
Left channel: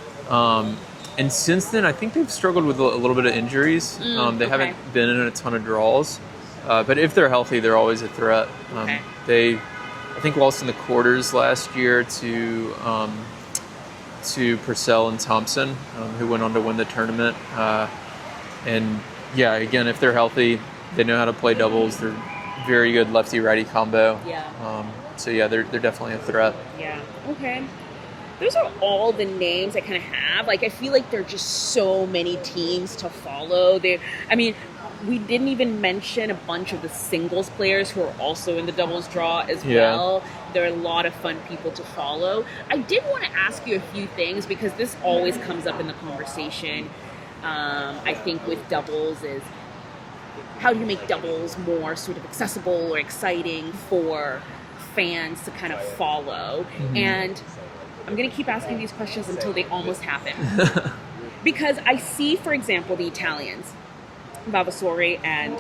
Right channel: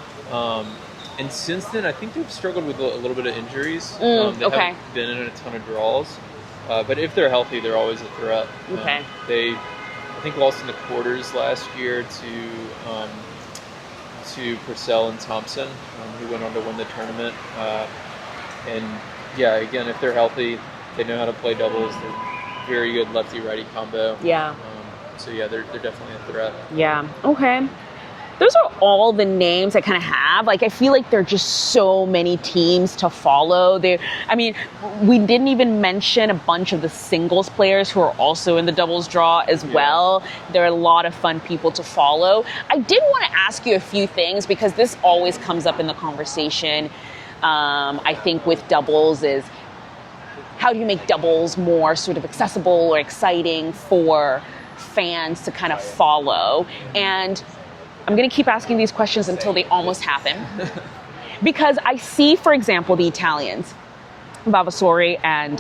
And since then, I think they've struggled with a little bit of injuries. They haven't been in a ton of draws. But if they're healthy, they're always a threat. They, I think, lost in the quarters last year to Purcell and Thompson, who went on to win the tournament. Again, if they're healthy, they know how to play doubles. They're very good lefty-righty combo. Yeah. They're definitely a threat. Yeah. Okay. Those are all the names I kind of have. Like, I feel like there are just so many teams to follow. We didn't even mention a bunch of the singles players who are also in the doubles draw as well. There are a lot of fun people to follow. I did want to ask you a few things because this always comes up in the conversation. I think with doubles is how do you make doubles more sort of accessible or exciting for fans to kind of follow? And I'm going to keep asking these questions until they almost happen. Because I see, for example, the Italians, Vavasori and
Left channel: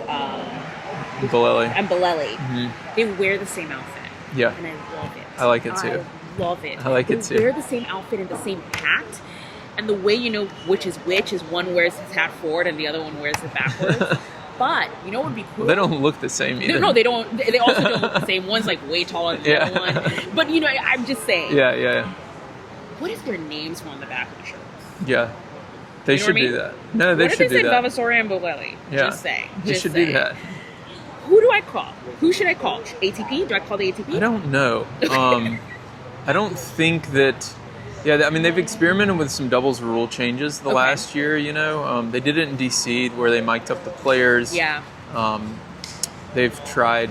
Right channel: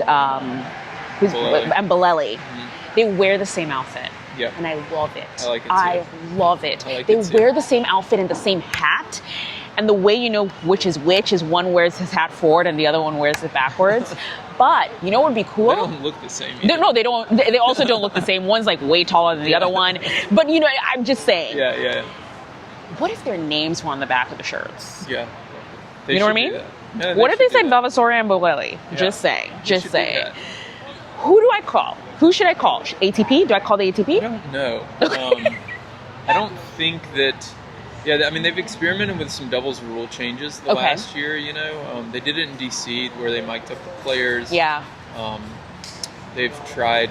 Bolelli. They wear the same outfit. Yeah. And I love it. I like it too. I love it. I like they it too. They wear the same outfit and the same hat. And the way you know which is one wears his hat forward and the other one wears it backwards. But you know what would be cool? They don't look the same either. No, they don't. They also don't look the same. One's like way taller than the other one. But you know, I'm just saying. Yeah. What if their names were on the back of the shirts? Yeah. They You know should what I mean? do that. No, they What if should it do said that. Vavasouri and Bolelli? Yeah. Just saying. They Just should saying. do that. Who do I call? Who should I call? ATP? Do I call the ATP? I don't know. I don't think that. Yeah, I mean, they've experimented with some doubles rule changes the last year, you know. They did it in DC where they mic'd up the players. Yeah. They've tried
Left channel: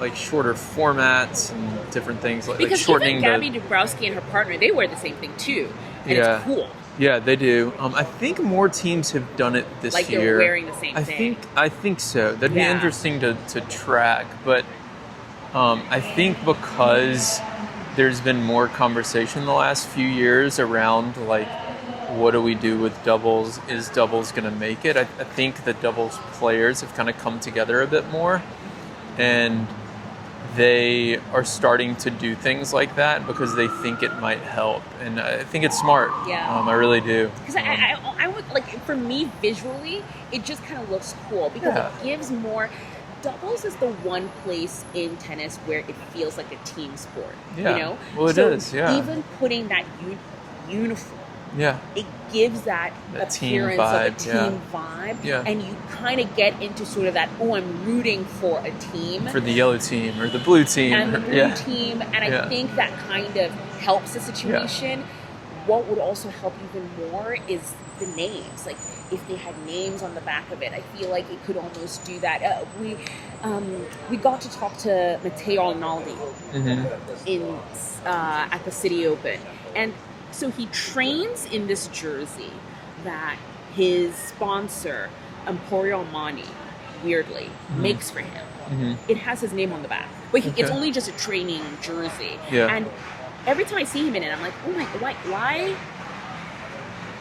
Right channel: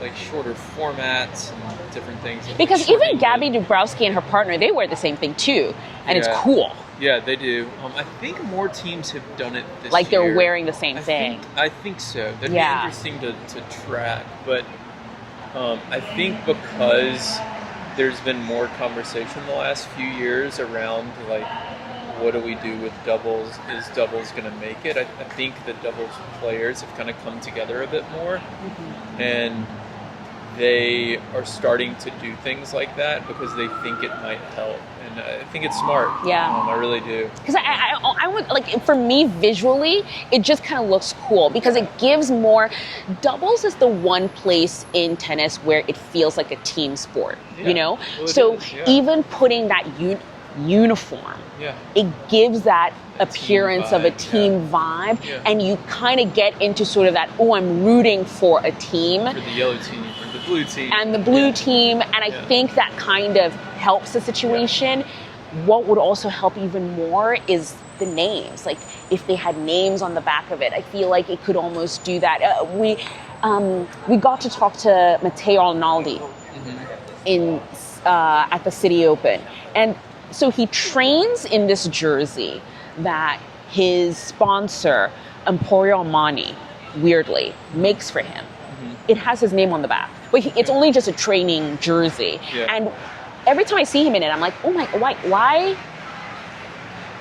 like shorter formats and different things. Like Because even shortening Gabby Dabrowski and her partner, they wear the same thing too. And it's cool. Yeah, they do. I think more teams have done it this Like year. they're wearing the same thing. I think so. That'd be interesting to track. But I think because there's been more conversation the last few years around like, what do we do with doubles? Is doubles going to make it? I think the doubles players have kind of come together a bit more, and they are starting to do things like that because they think it might help, and I think it's smart. Yeah, I really do. Because I would like, for me visually, it just kind of looks cool because it gives more. Doubles is the one place in tennis where it feels like a team sport. Yeah. You know, well, so is, yeah. even putting that uniform. Yeah. It gives that appearance of a team vibe, Yeah. and you kind of get into sort of that, oh, I'm rooting for a team. For the yellow team or the blue team. And the blue team, and I think that kind of helps the situation. What would also help even more is the names. Like, if they had names on the back of it, I feel like it could almost do that. We got to talk to Matteo Arnaldi at the City Open, and so he trains in this jersey that his sponsor, Emporio Armani, weirdly, makes for him. It has his name on the back, but it's only just a training jersey. Yeah. And every time I see him in it, I'm like, oh my, why?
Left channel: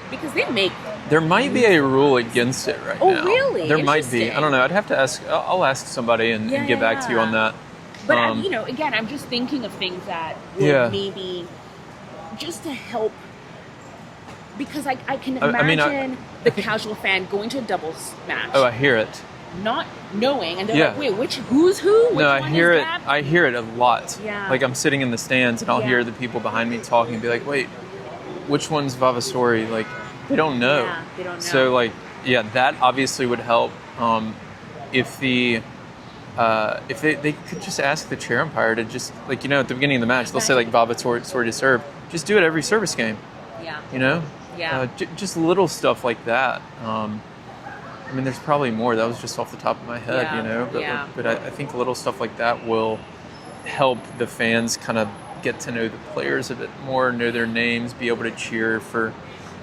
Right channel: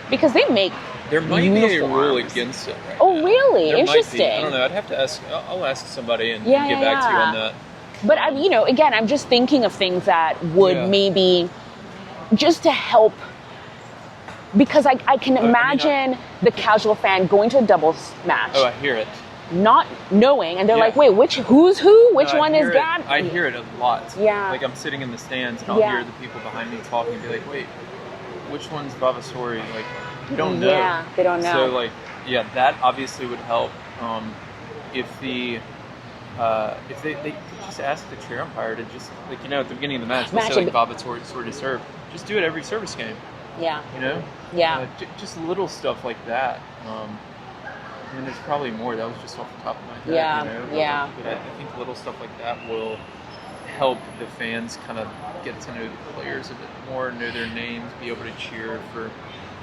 Because they make. There might be a rule against it right now. Oh, really? There might Interesting. be. I don't know. I'd have to ask. I'll ask somebody and get back to you on that. But you know, again, I'm just thinking of things that would maybe just to help, because I can imagine the casual fan going to a doubles match. Oh, I hear it. Not knowing, and they're like, wait, who's who? Which one is Gab? I hear it a lot. Yeah. Like, I'm sitting in the stands and I'll hear the people behind me talking and be like, wait, which one's Vavasouri? Like, they don't know. Yeah, they don't know. So, like, that obviously would help. If they could just ask the chair umpire to just, like, you know, at the beginning of the match, they'll say, like, Vavasouri to serve. Just do it every service game. Yeah. You know? Yeah. Just little stuff like that. I mean, there's probably more. That was just off the top of my head, you know? But I think little stuff like that will help the fans kind of get to know the players a bit more, know their names, be able to cheer for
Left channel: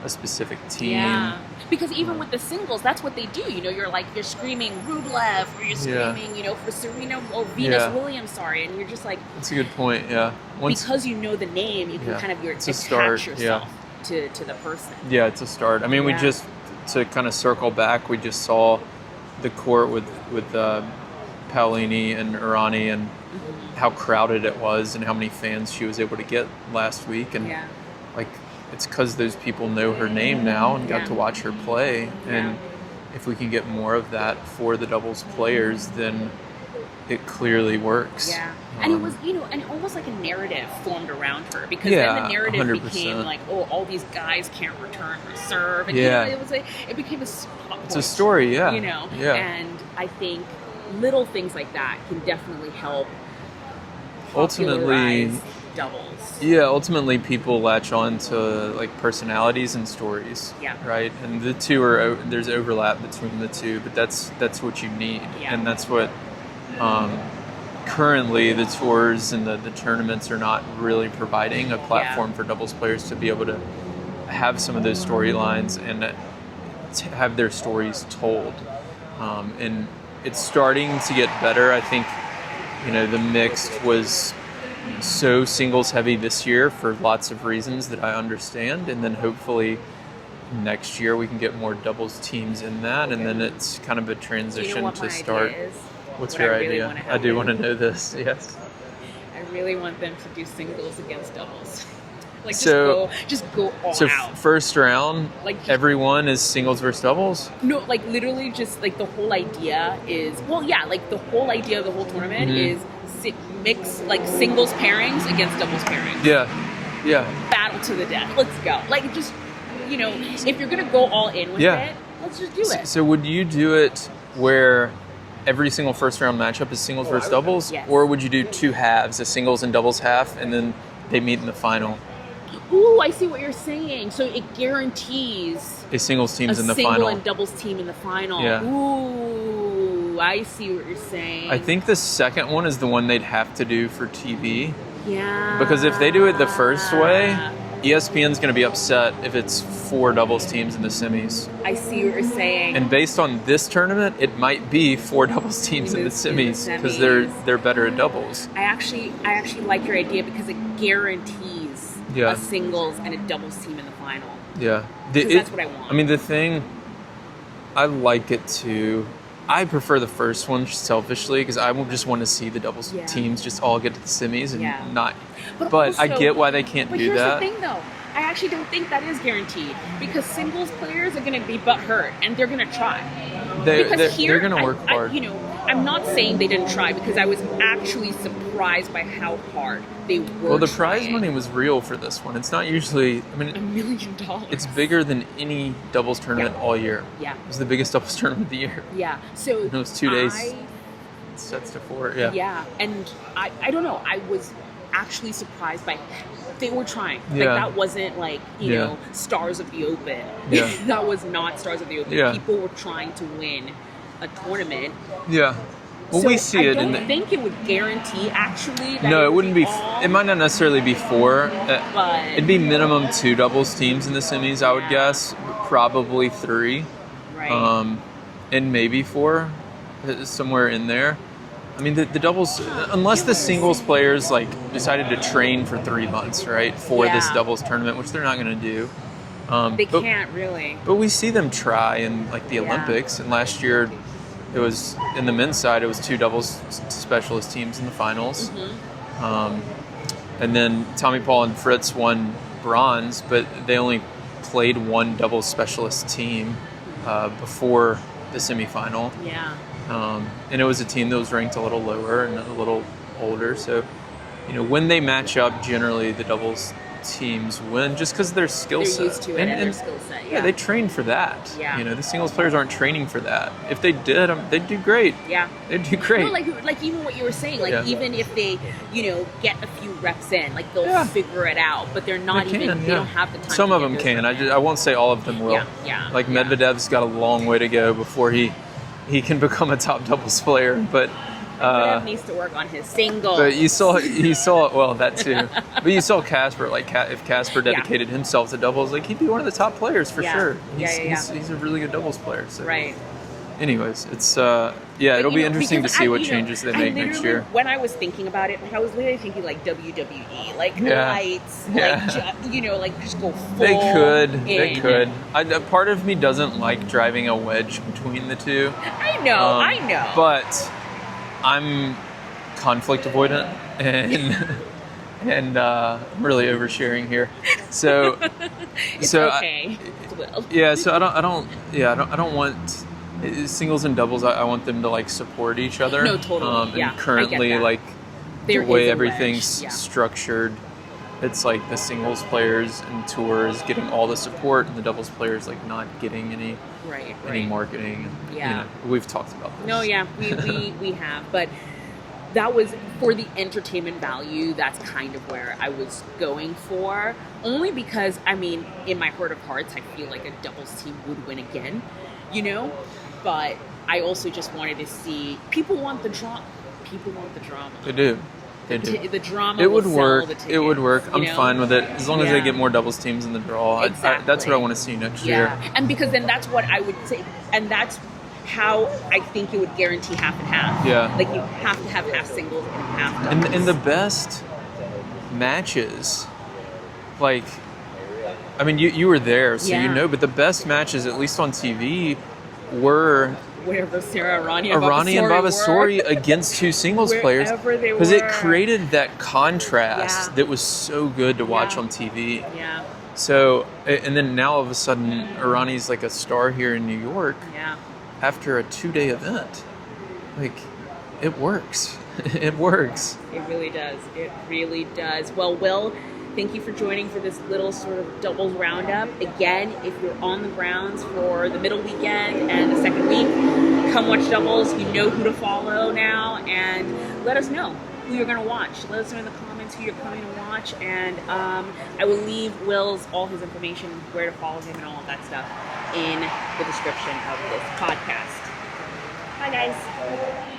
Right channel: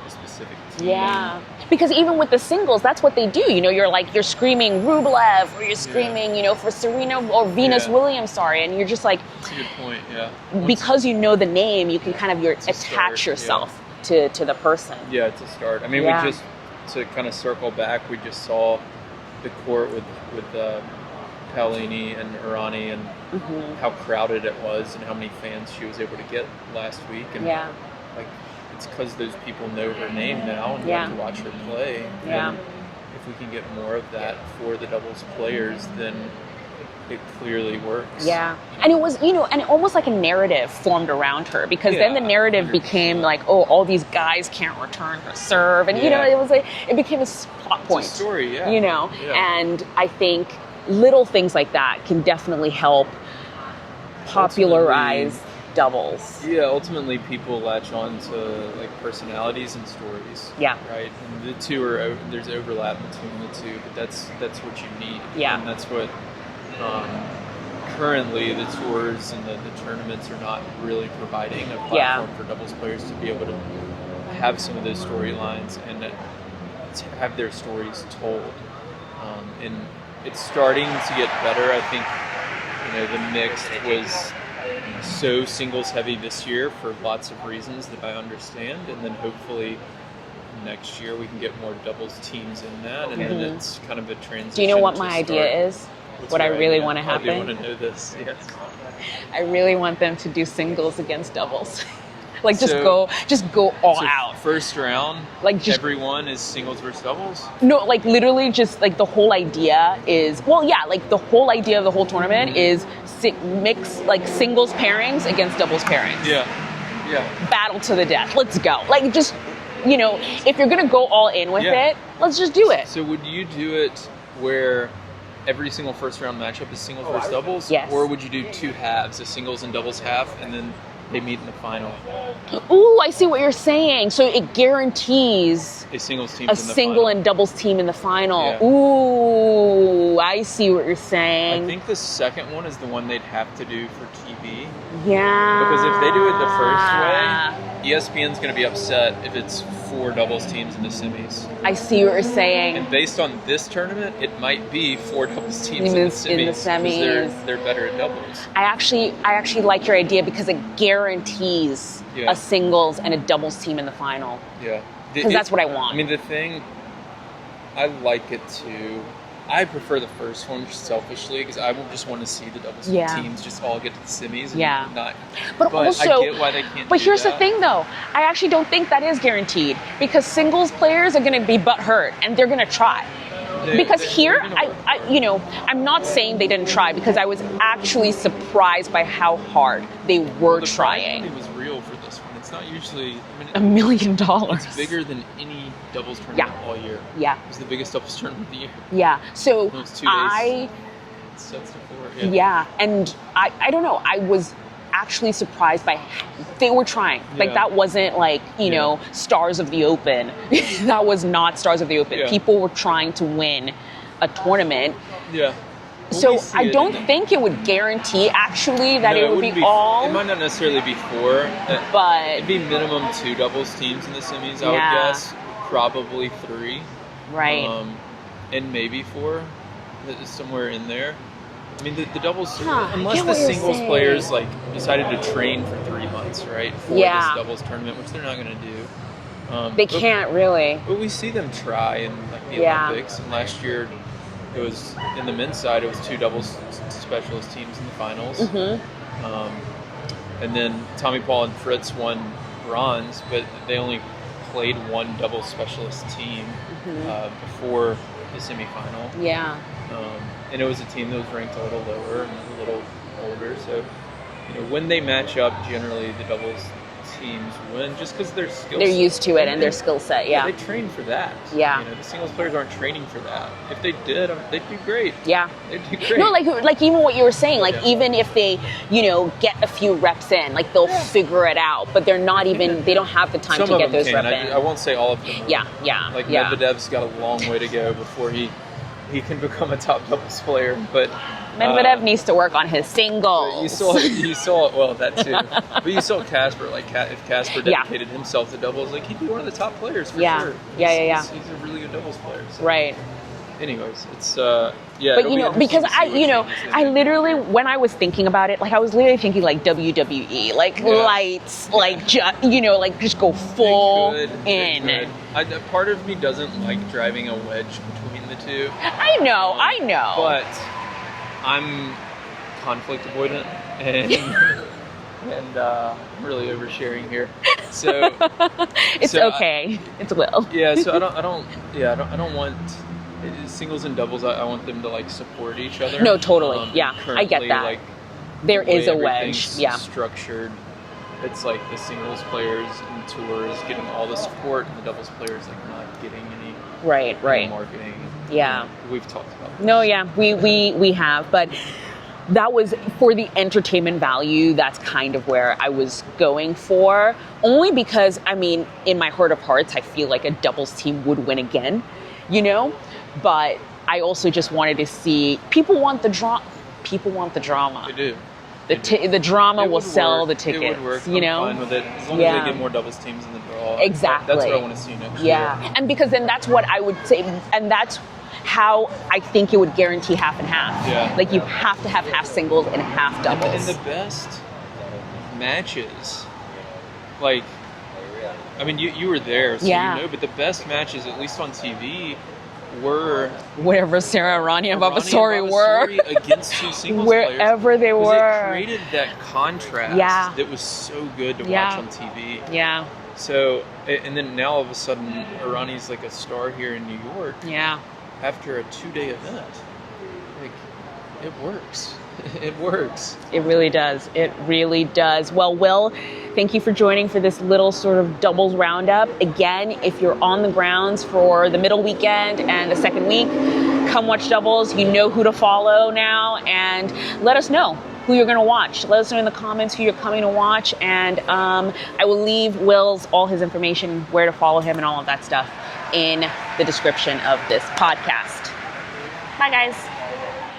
a specific team. Yeah, because even with the singles, that's what they do. You know, you're screaming Rublev, or you're screaming, you know, for Serena or Venus Williams, and you're just like. That's a good point. Yeah. Because you know the name, you can kind of attach yourself to the person. Yeah, it's a start. I mean, we just, to kind of circle back, we just saw the court with Paolini and Urani and how crowded it was and how many fans she was able to get last week. And like, it's because those people know her name now and got to watch her play. And if we can get more of that for the doubles players, then it clearly works. Yeah. And it was, you know, and almost like a narrative formed around her, because then the narrative 100%. became like, oh, all these guys can't return or serve. And, you know, it was like, it became a plot point. It's a story, You know? Yeah. And I think little things like that can definitely help popularize doubles. Yeah, ultimately people latch on to like personalities and stories. Yeah. Right? And the two are, there's overlap between the two, but that's what you need. Yeah. And that's what currently the tours and the tournaments are not really providing a platform for doubles players to be able to have some of those storylines and to have their stories told. And it's starting to get better. I think, you know, the mixed was so singles heavy this year for lots of reasons that I understand, and then hopefully next year we can get more doubles teams in that, and then it's kind of a transition. Do you know what my idea is? What's what I really idea? want to happen? I do want to know this, yes. I really want them to do singles against doubles. Like just go all out. First round, Like, just- everyone is singles versus doubles. No, like literally just like the whole idea is, well, yeah, like the whole idea of the whole tournament is mix like singles pairings against doubles pairings. Yeah. Battle to the death. Let's go. Like just, if you're going to go all in with it, let's just do it. So would you do it where every single first round matchup is singles versus doubles? Yes. Or would you do two halves, a singles and doubles half, and then they meet in the final? Ooh, I see what you're saying. So it guarantees A singles teams a in the single final. and doubles team in the final. Yeah. Ooh, I see what you're saying. I think the second one is the one they'd have to do for TV. Yeah. Because if they do it the first way, ESPN's going to be upset if it's 4 doubles teams in the semis. I see what you're saying. And based on this tournament, it might be 4 doubles teams in the semis because they're better at doubles. I actually like your idea because it guarantees a singles and a doubles team in the final. Yeah. Because that's what I want. I mean, the thing, I like it too. I prefer the first one just selfishly because I just want to see the doubles teams just all get to the semis and not. But also, I get why they can't do that. But here's the thing, though. I actually don't think that is guaranteed because singles players are going to be butthurt and they're going to try. They're going to work hard. I'm not saying they didn't try because I was actually surprised by how hard they were Well, the trying. prize money was real for this one. It's not usually. $1 million. It's bigger than any doubles tournament all year. Yeah. It was the biggest doubles tournament of the year. Yeah. So it was 2 days. It sets to 4. Yeah. Yeah, and I don't know. I was actually surprised by they were trying. Like that wasn't like Stars of the Open. Yeah. That was not Stars of the Open. Yeah. People were trying to win a tournament. Yeah. Well, so we see I don't think it would guarantee actually that it would wouldn't be all. It might not necessarily be 4, but it'd be minimum 2 doubles teams in the semis. I would guess probably 3. Right. And maybe 4, somewhere in there. I mean, the doubles, unless the singles players like decided to train for 3 months, right, for this doubles tournament, which they're not going to do. They can't really. But we see them try in like the Olympics, and last year it was in the men's side. It was 2 doubles specialist teams in the finals, and then Tommy Paul and Fritz won bronze, but they only played 1 doubles specialist team before the semifinal. Yeah. And it was a team that was ranked a little lower and a little older. So, when they match up, generally the doubles teams win just because of their skill set. They're used to it and their skill set, Yeah, they train for that. Yeah. The singles players aren't training for that. If they did, they'd do great. Yeah. They'd do great. No, like even what you were saying, like even if they, get a few reps in, like they'll figure it out, but they're not they don't have the time Some to of get them those can. reps in. I won't say all of them will. Yeah. Like Medvedev's got a long way to go before he can become a top doubles player, but Medvedev needs to work on his singles. But you saw well that too. But you saw Casper, like if Casper dedicated himself to doubles, like he'd be one of the top players for sure. He's a really good doubles player. So. Right. Anyways, it's it'll be interesting to see what changes they make next year. When I was thinking about it, like I was literally thinking like WWE, like lights, like just go full. They could. Part of me doesn't like driving a wedge between the two. I know. But I'm conflict avoidant and I'm really oversharing here. So it's okay. It's Will. Yeah. So I don't want singles and doubles. I want them to like support each other. No, totally. Currently, I get that. like there the way is a everything's wedge. structured, it's like the singles players and tours getting all the support, and the doubles players like not getting any any marketing. And, we've talked about this. No, we have, but that was for the entertainment value. That's kind of where I was going for, only because I mean, in my heart of hearts, I feel like a doubles team would win again, but I also just wanted to see people want the drama. They do. The drama will sell the tickets. It would work. I'm fine with it as long as they get more doubles teams in the draw. Exactly. That's what I want to see next year. Yeah, and because then that's what I would say, and that's how I think it would guarantee half and half. Yeah. Like you have to have half singles and half doubles. And the best matches, like, I mean, you were there, so but the best matches, at least on TV, were Wherever Sarah, Arani, and Arani and Vavasori against two singles players. Wherever they were. Because it created that contrast Yeah. that was so good to watch on TV. Yeah. So, and then now all of a sudden, Arani's like a star here in New York. Yeah. After a 2-day event. Like, it works. It works. It really does. It really does. Well, Will, thank you for joining for this little sort of doubles roundup. Again, if you're on the grounds for the middle weekend and the second week, come watch doubles. You know who to follow now, and let us know who you're going to watch. Let us know in the comments who you're coming to watch, and I will leave Will's all his information, where to follow him and all of that stuff in the description of this podcast. Bye, guys.